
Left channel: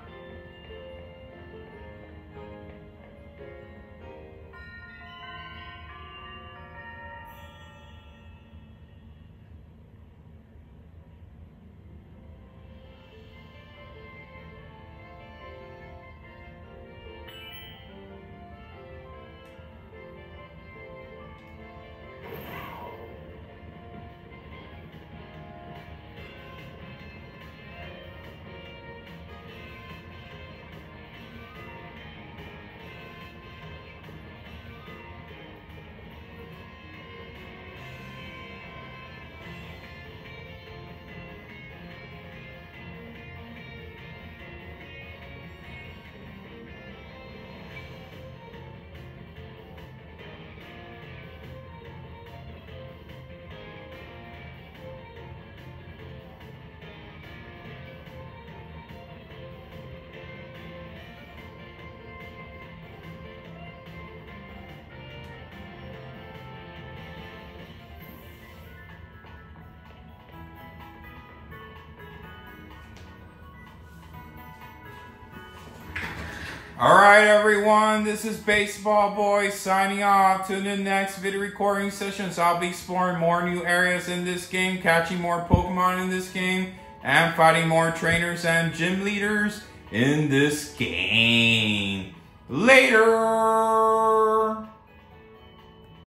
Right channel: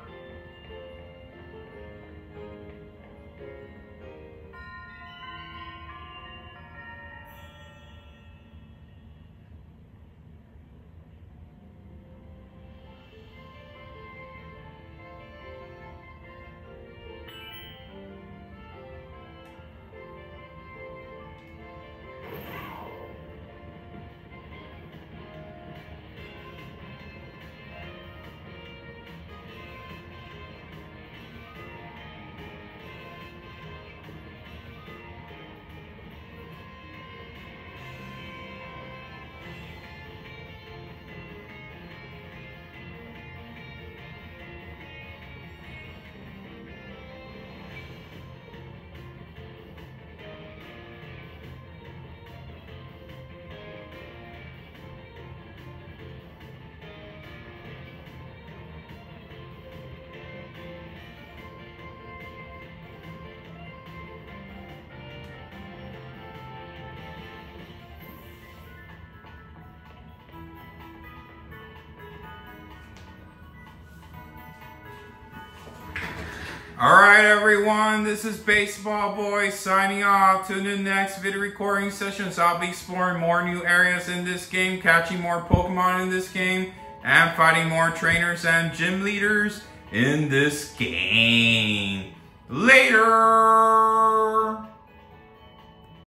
Alright everyone, this is Baseball Boy signing off to the next video recording sessions. I'll be exploring more new areas in this game, catching more Pokemon in this game, and fighting more trainers and gym leaders in this game. Later!